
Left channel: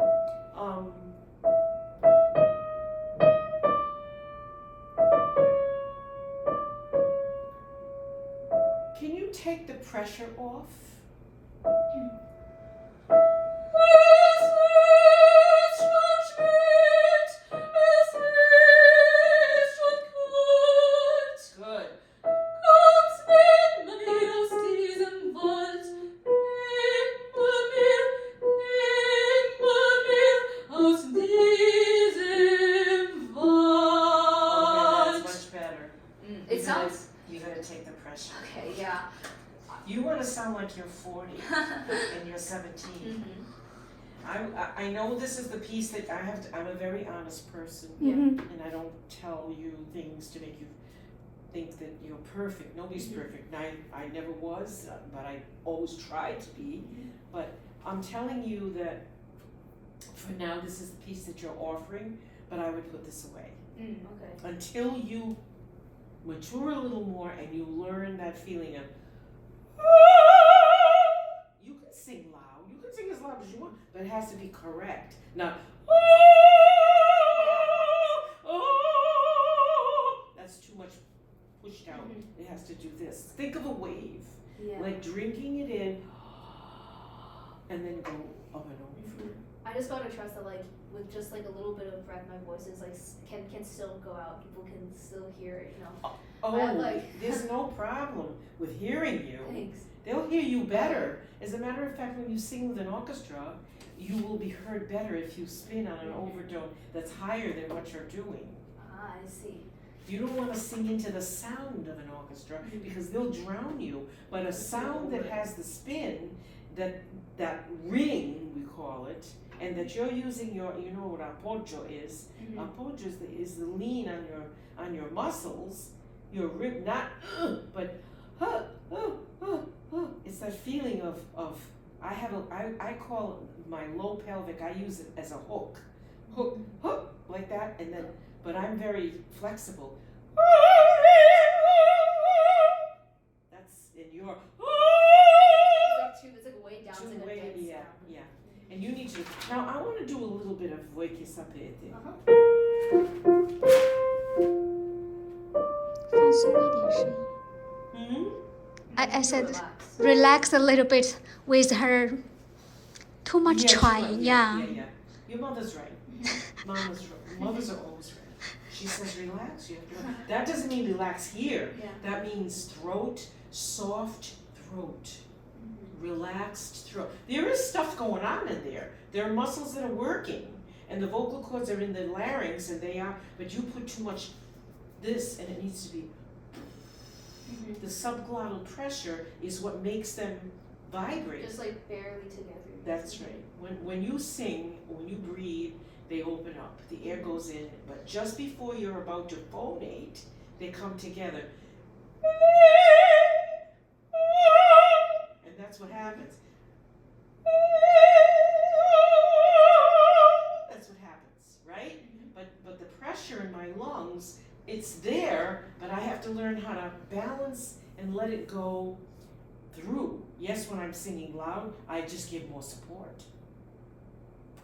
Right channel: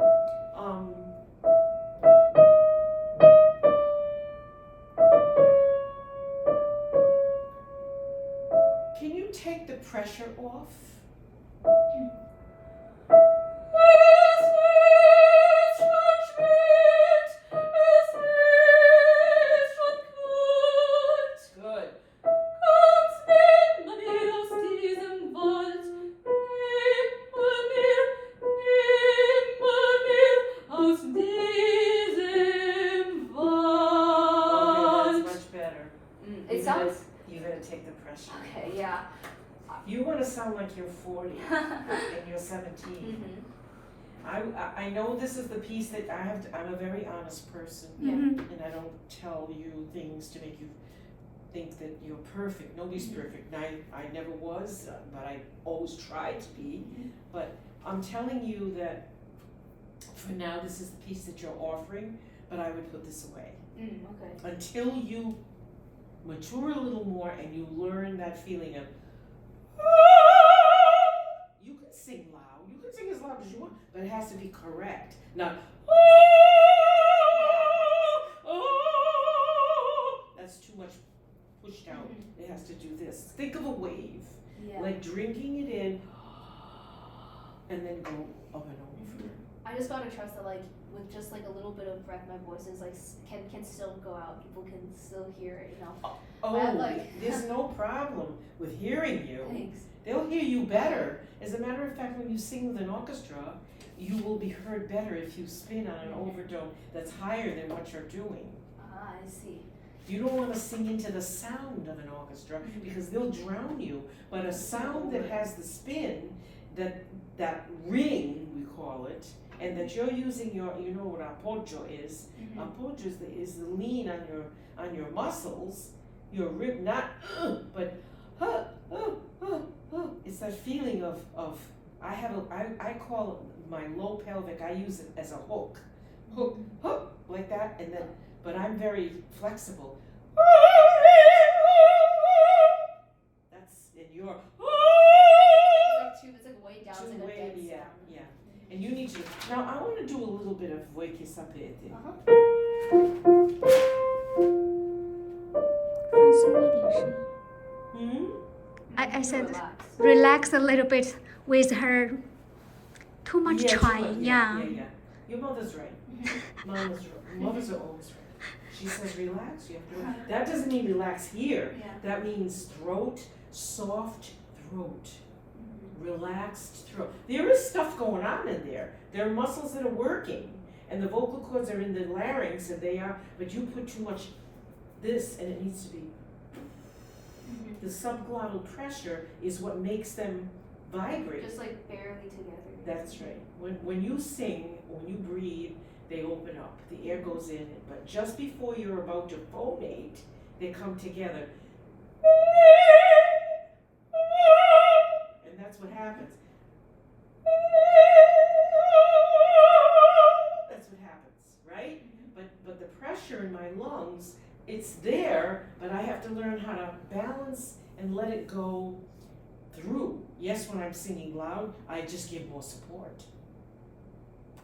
can you take the pressure off? Good. Okay, that's much better. It sounds. You gotta take the pressure. Okay. Yeah. You want to sound like you're 40 and you're 17. I know this is the piece that I have. I'm a very honest person, and I don't tell you things to make you think that you're perfect. Nobody's perfect. And I never was, but I always tried to be. But I'm telling you that for now, this is the piece that you're offering, but I would put this away. Okay. Until you mature a little more and you learn that feeling of, you can sing loud, you can sing as loud as you want, but it has to be correct. Not, that's too much pushed out. It has to do this. Think of a wave, Yeah. like drinking it in and then go up and over. I just gotta trust that, like, with just like a little bit of breath, my voice is like can still go out. People can still hear it, you know. Oh, there's no problem with hearing you. Thanks. They'll hear you better. As a matter of fact, when you sing with an orchestra, you will be heard better if you spin on an overtone that's higher than what you're doing. Ah, I see. You don't want to sing into the sound of an orchestra because they'll drown you. But a sound that has the spin, that ring, we call it, and that you're using you know what apoggio is. Apoggio is the lean on your muscles, your rib, not but it's that feeling of I call it my low pelvic. I use it as a hook, like that, and then but I'm very flexible. That's in your. It's like way down. Too It's like way, a dead yeah, sound. yeah. And you need to. Now I want to do a little bit of voi che sapete. 放松一点声音。 Hmm? I said Relax. relax a little bit with her too much Yeah, trying. yeah. Your mother's right. Mama's right. Mothers are always right. She says relax. You have to. That doesn't mean relax here. Yeah. That means throat, soft throat, relaxed throat. There is stuff going on in there. There are muscles that are working, and the vocal cords are in the larynx, and they are. But you put too much this, and it needs to be. The subglottal pressure is what makes them vibrate. Just like barely together. That's right. When you sing, when you breathe, they open up. The air goes in, but just before you're about to phonate, they come together. And that's what happens. That's what happens, right? But the pressure in my lungs, it's there, but I have to learn how to balance and let it go through. Yes, when I'm singing loud, I just give more support.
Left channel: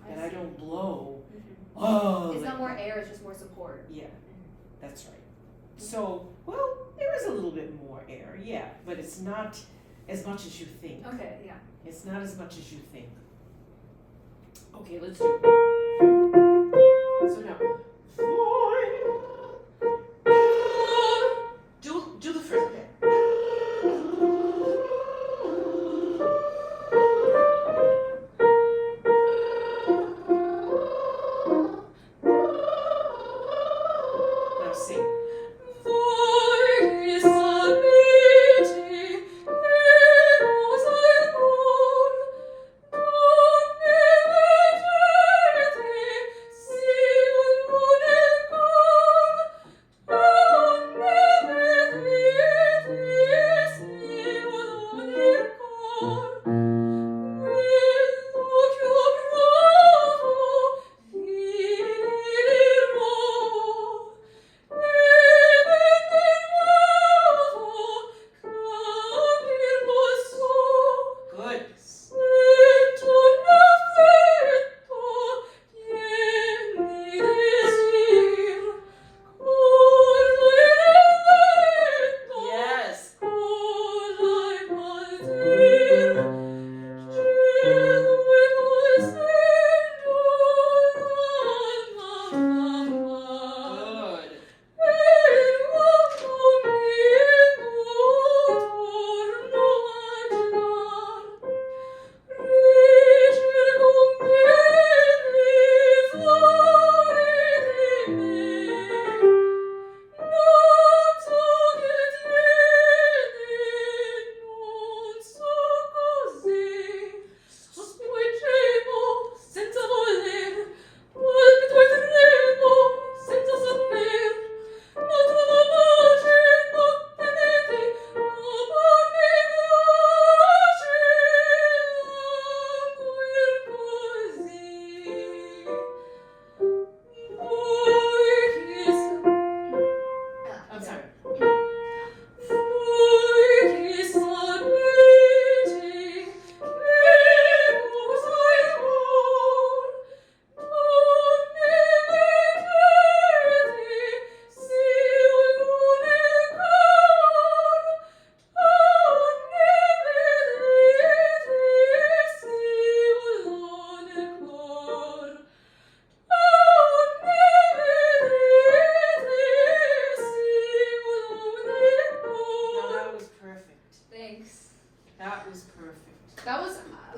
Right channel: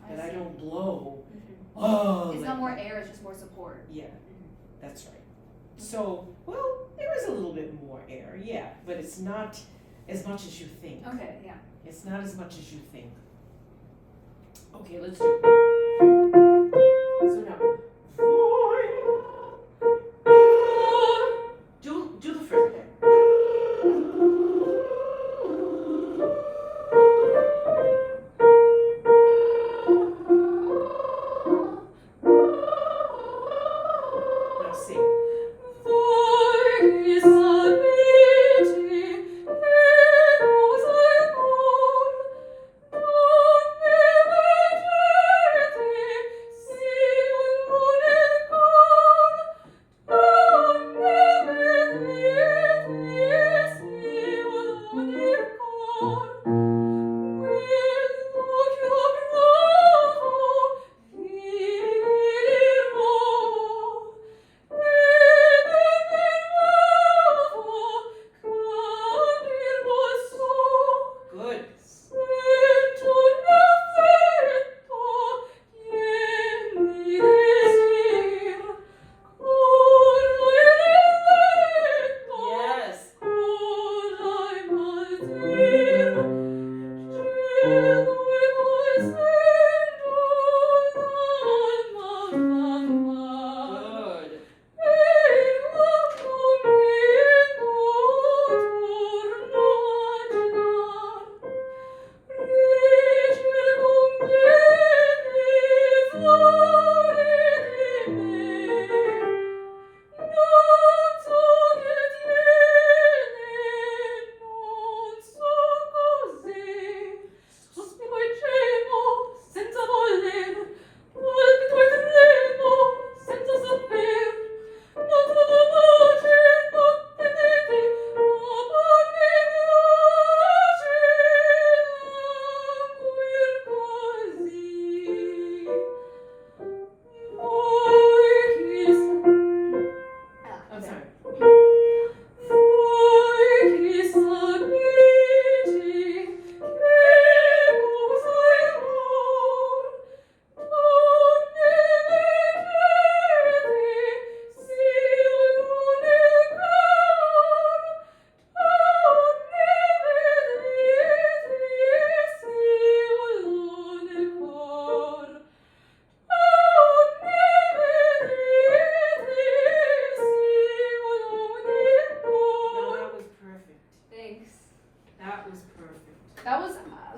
And I don't blow. Oh, It's like not more that. air, it's just more support. Yeah, that's right. So, well, there is a little bit more air, yeah, but it's not as much as you think. Okay, yeah. It's not as much as you think. Okay, let's do. So now, do the first. Now sing.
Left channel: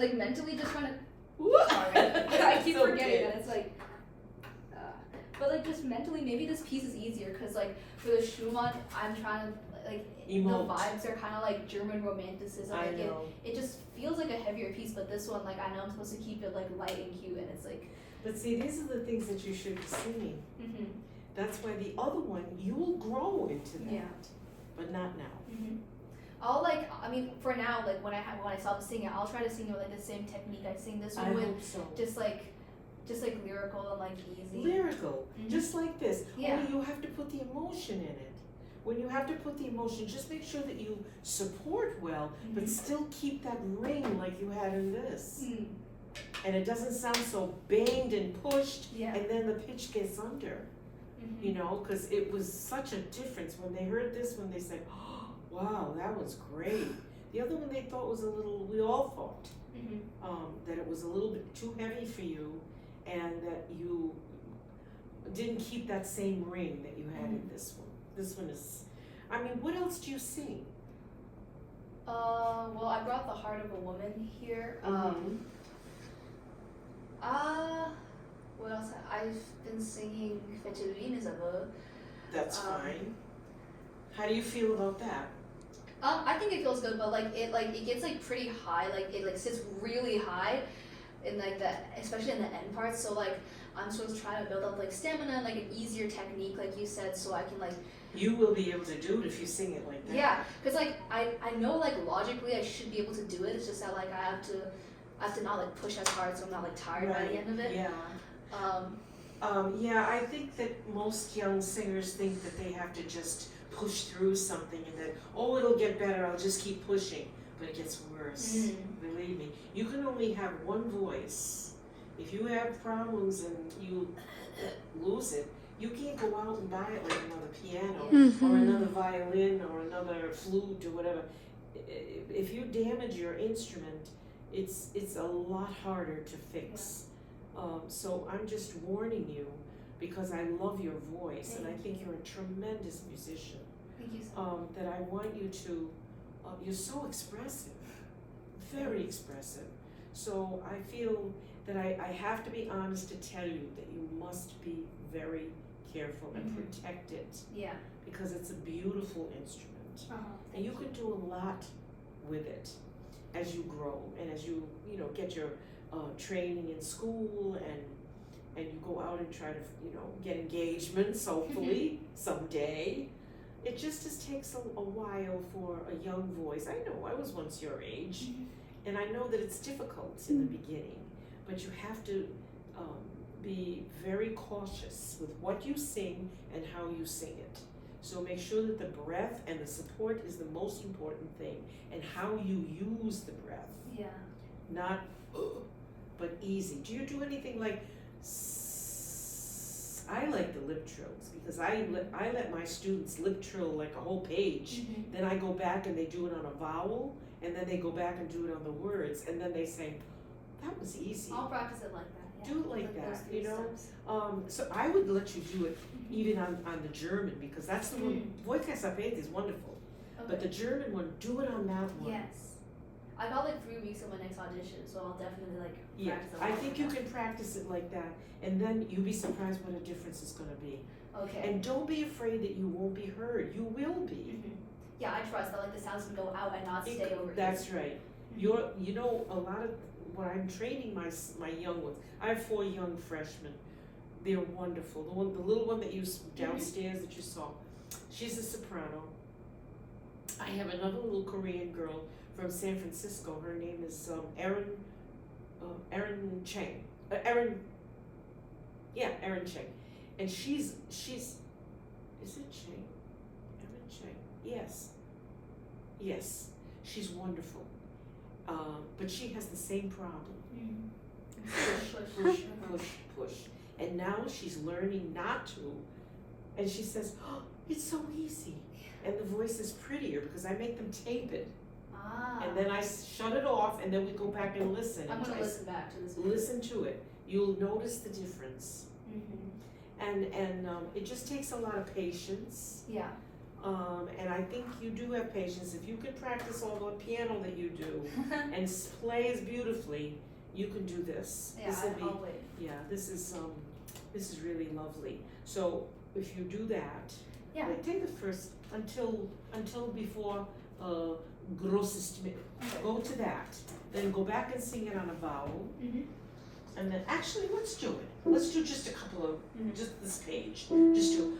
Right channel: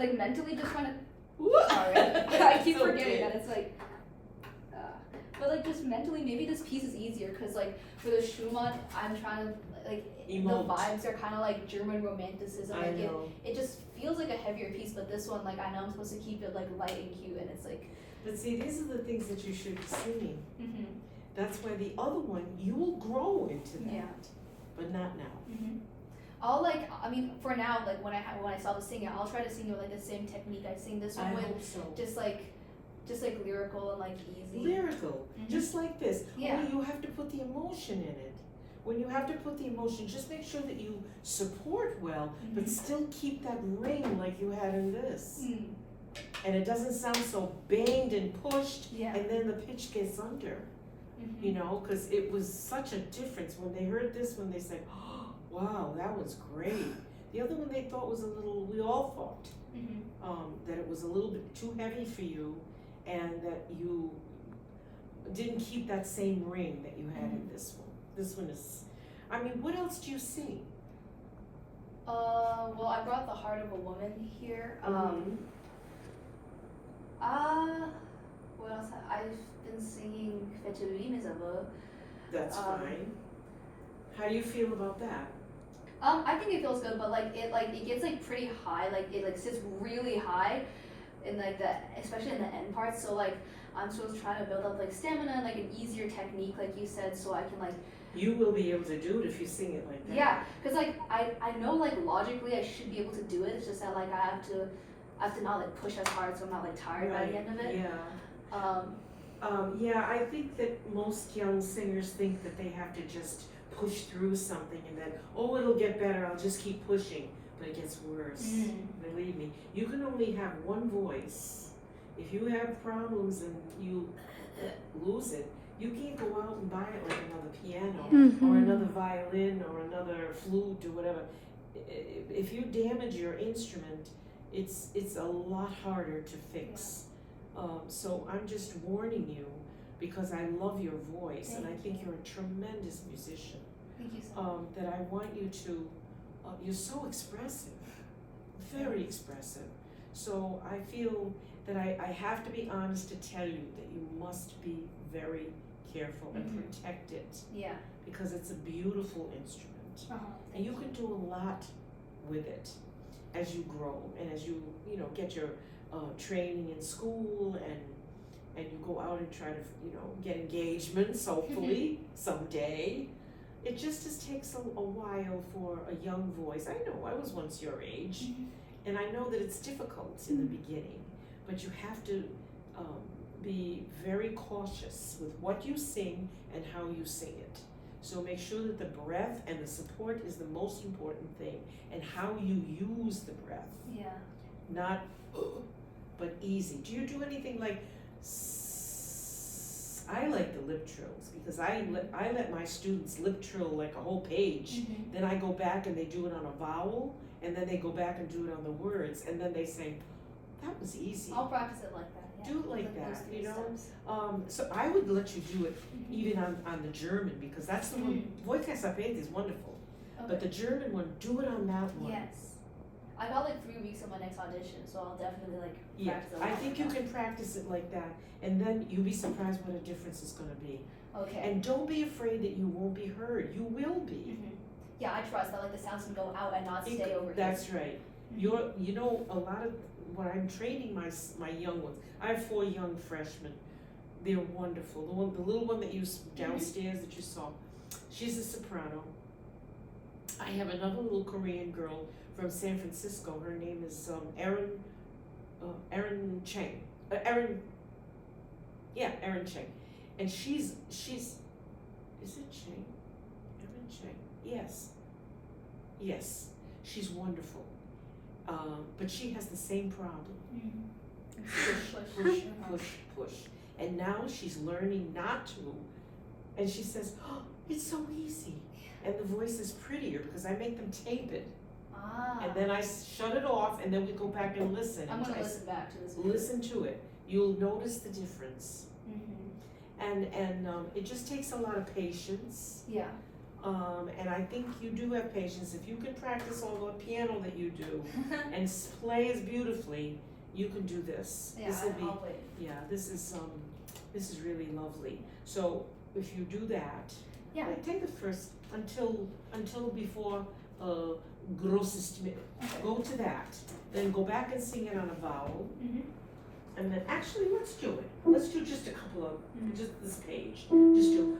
like mentally just trying to. What? Sorry, I keep It's forgetting okay. that it's like. But like just mentally, maybe this piece is easier because like for the Schumann, I'm trying to like Emote. the vibes are kind of like German romanticism. I Like know. it just feels like a heavier piece. But this one, like I know I'm supposed to keep it like light and cute, and it's like. But see, these are the things that you should be singing. Mm-hmm. That's why the other one, you will grow into that. Yeah. But not now. Mm-hmm. I'll like. I mean, for now, like when I saw the singing, I'll try to sing with like the same technique I sing this I one with, hope so. just like lyrical and like easy. Lyrical, Mhm. just like this. Yeah. Only you have to put the emotion in it. When you have to put the emotion, just make sure that you support well, but Mhm. still keep that ring like you had in this. Mm. And it doesn't sound so banged and pushed, Yeah. and then the pitch gets under, Mm-hmm. you know, because it was such a difference. When they heard this one, they said, oh, wow, that was great. The other one they thought was a little, we all thought, Mm-hmm. that it was a little bit too heavy for you, and that you didn't keep that same ring that you had in this one. This one is, I mean, what else do you sing? Well, I brought the Heart of a Woman here. What else? I've been singing Fettuline Isabel. That's fine. How do you feel about that? I think it feels good, but it gets like pretty high. Like it like sits really high, in like the especially in the end parts. So like I'm supposed to try to build up like stamina and like an easier technique, like you said, so I can like. You will be able to do it if you sing it like that. Yeah, cause like I know like logically I should be able to do it. It's just that like I have to not like push as hard so I'm not like tired by the end of it. Yeah. Yeah, I think that most young singers think that they have to just push through something and then, oh, it'll get better, I'll just keep pushing. But it gets worse. Believe me. You can only have one voice. If you have problems and you lose it, you can't go out and buy it like another piano or another violin or another flute or whatever. If you damage your instrument, it's a lot harder to fix. So I'm just warning you because I love your voice and I think you're a tremendous musician. Thank you so much. That I want you to, you're so expressive, very expressive. So I feel that I have to be honest to tell you that you must be very careful and protect it Yeah. because it's a beautiful instrument. And you can do a lot with it as you grow and as you get your training in school and you go out and try to get engagements hopefully someday. It just takes a while for a young voice. I know, I was once your age, and I know that it's difficult in the beginning, but you have to be very cautious with what you sing and how you sing it. So make sure that the breath and the support is the most important thing, and how you use the breath. Yeah. Not, but easy. Do you do anything like, I like the lip trills because I let my students lip trill like a whole page. Then I go back and they do it on a vowel, and then they go back and do it on the words, and then they say, that was easy. I'll practice it like that. Yeah. Do it like those that, three you know? steps. So I would let you do it even on the German because that's the one, Voice Sapete is wonderful. Okay. But the German one, do it on that one. Yes. I got like 3 weeks of my next audition, so I'll definitely like Yeah, practice a I lot think like you that. can practice it like that, and then you'll be surprised what a difference it's gonna be. Okay. And don't be afraid that you won't be heard. You will be. Yeah, I trust that like the sounds can go out and not stay over That's right. here. A lot of when I'm training my young ones, I have 4 young freshmen. They're wonderful. The little one that you downstairs that you saw, she's a soprano. I have another little Korean girl from San Francisco. Her name is Erin Cheng. Erin Cheng, and she's is it Cheng? Erin Cheng. Yes, she's wonderful. But she has the same problem. Push. And now she's learning not to. And she says, oh, it's so easy. And the voice is prettier because I make them tape it. And then I shut it off and then we go back and listen. I'm gonna listen back to this. Video. Listen to it. You'll notice the difference. And it just takes a lot of patience. Yeah. And I think you do have patience. If you can practice all the piano that you do and play as beautifully, you can do this. Yeah, This will be, I'll wait. yeah, this is really lovely. So if you do that, Yeah. like, take the first until before grosses Okay. go to that, then go back and sing it on a vowel, Mhm. and then actually let's do it. Let's do just a couple of Mhm. just this page. Just do.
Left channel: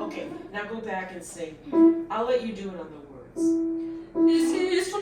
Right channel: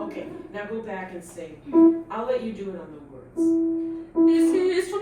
Okay, now go back and sing. I'll let you do it on the words. This is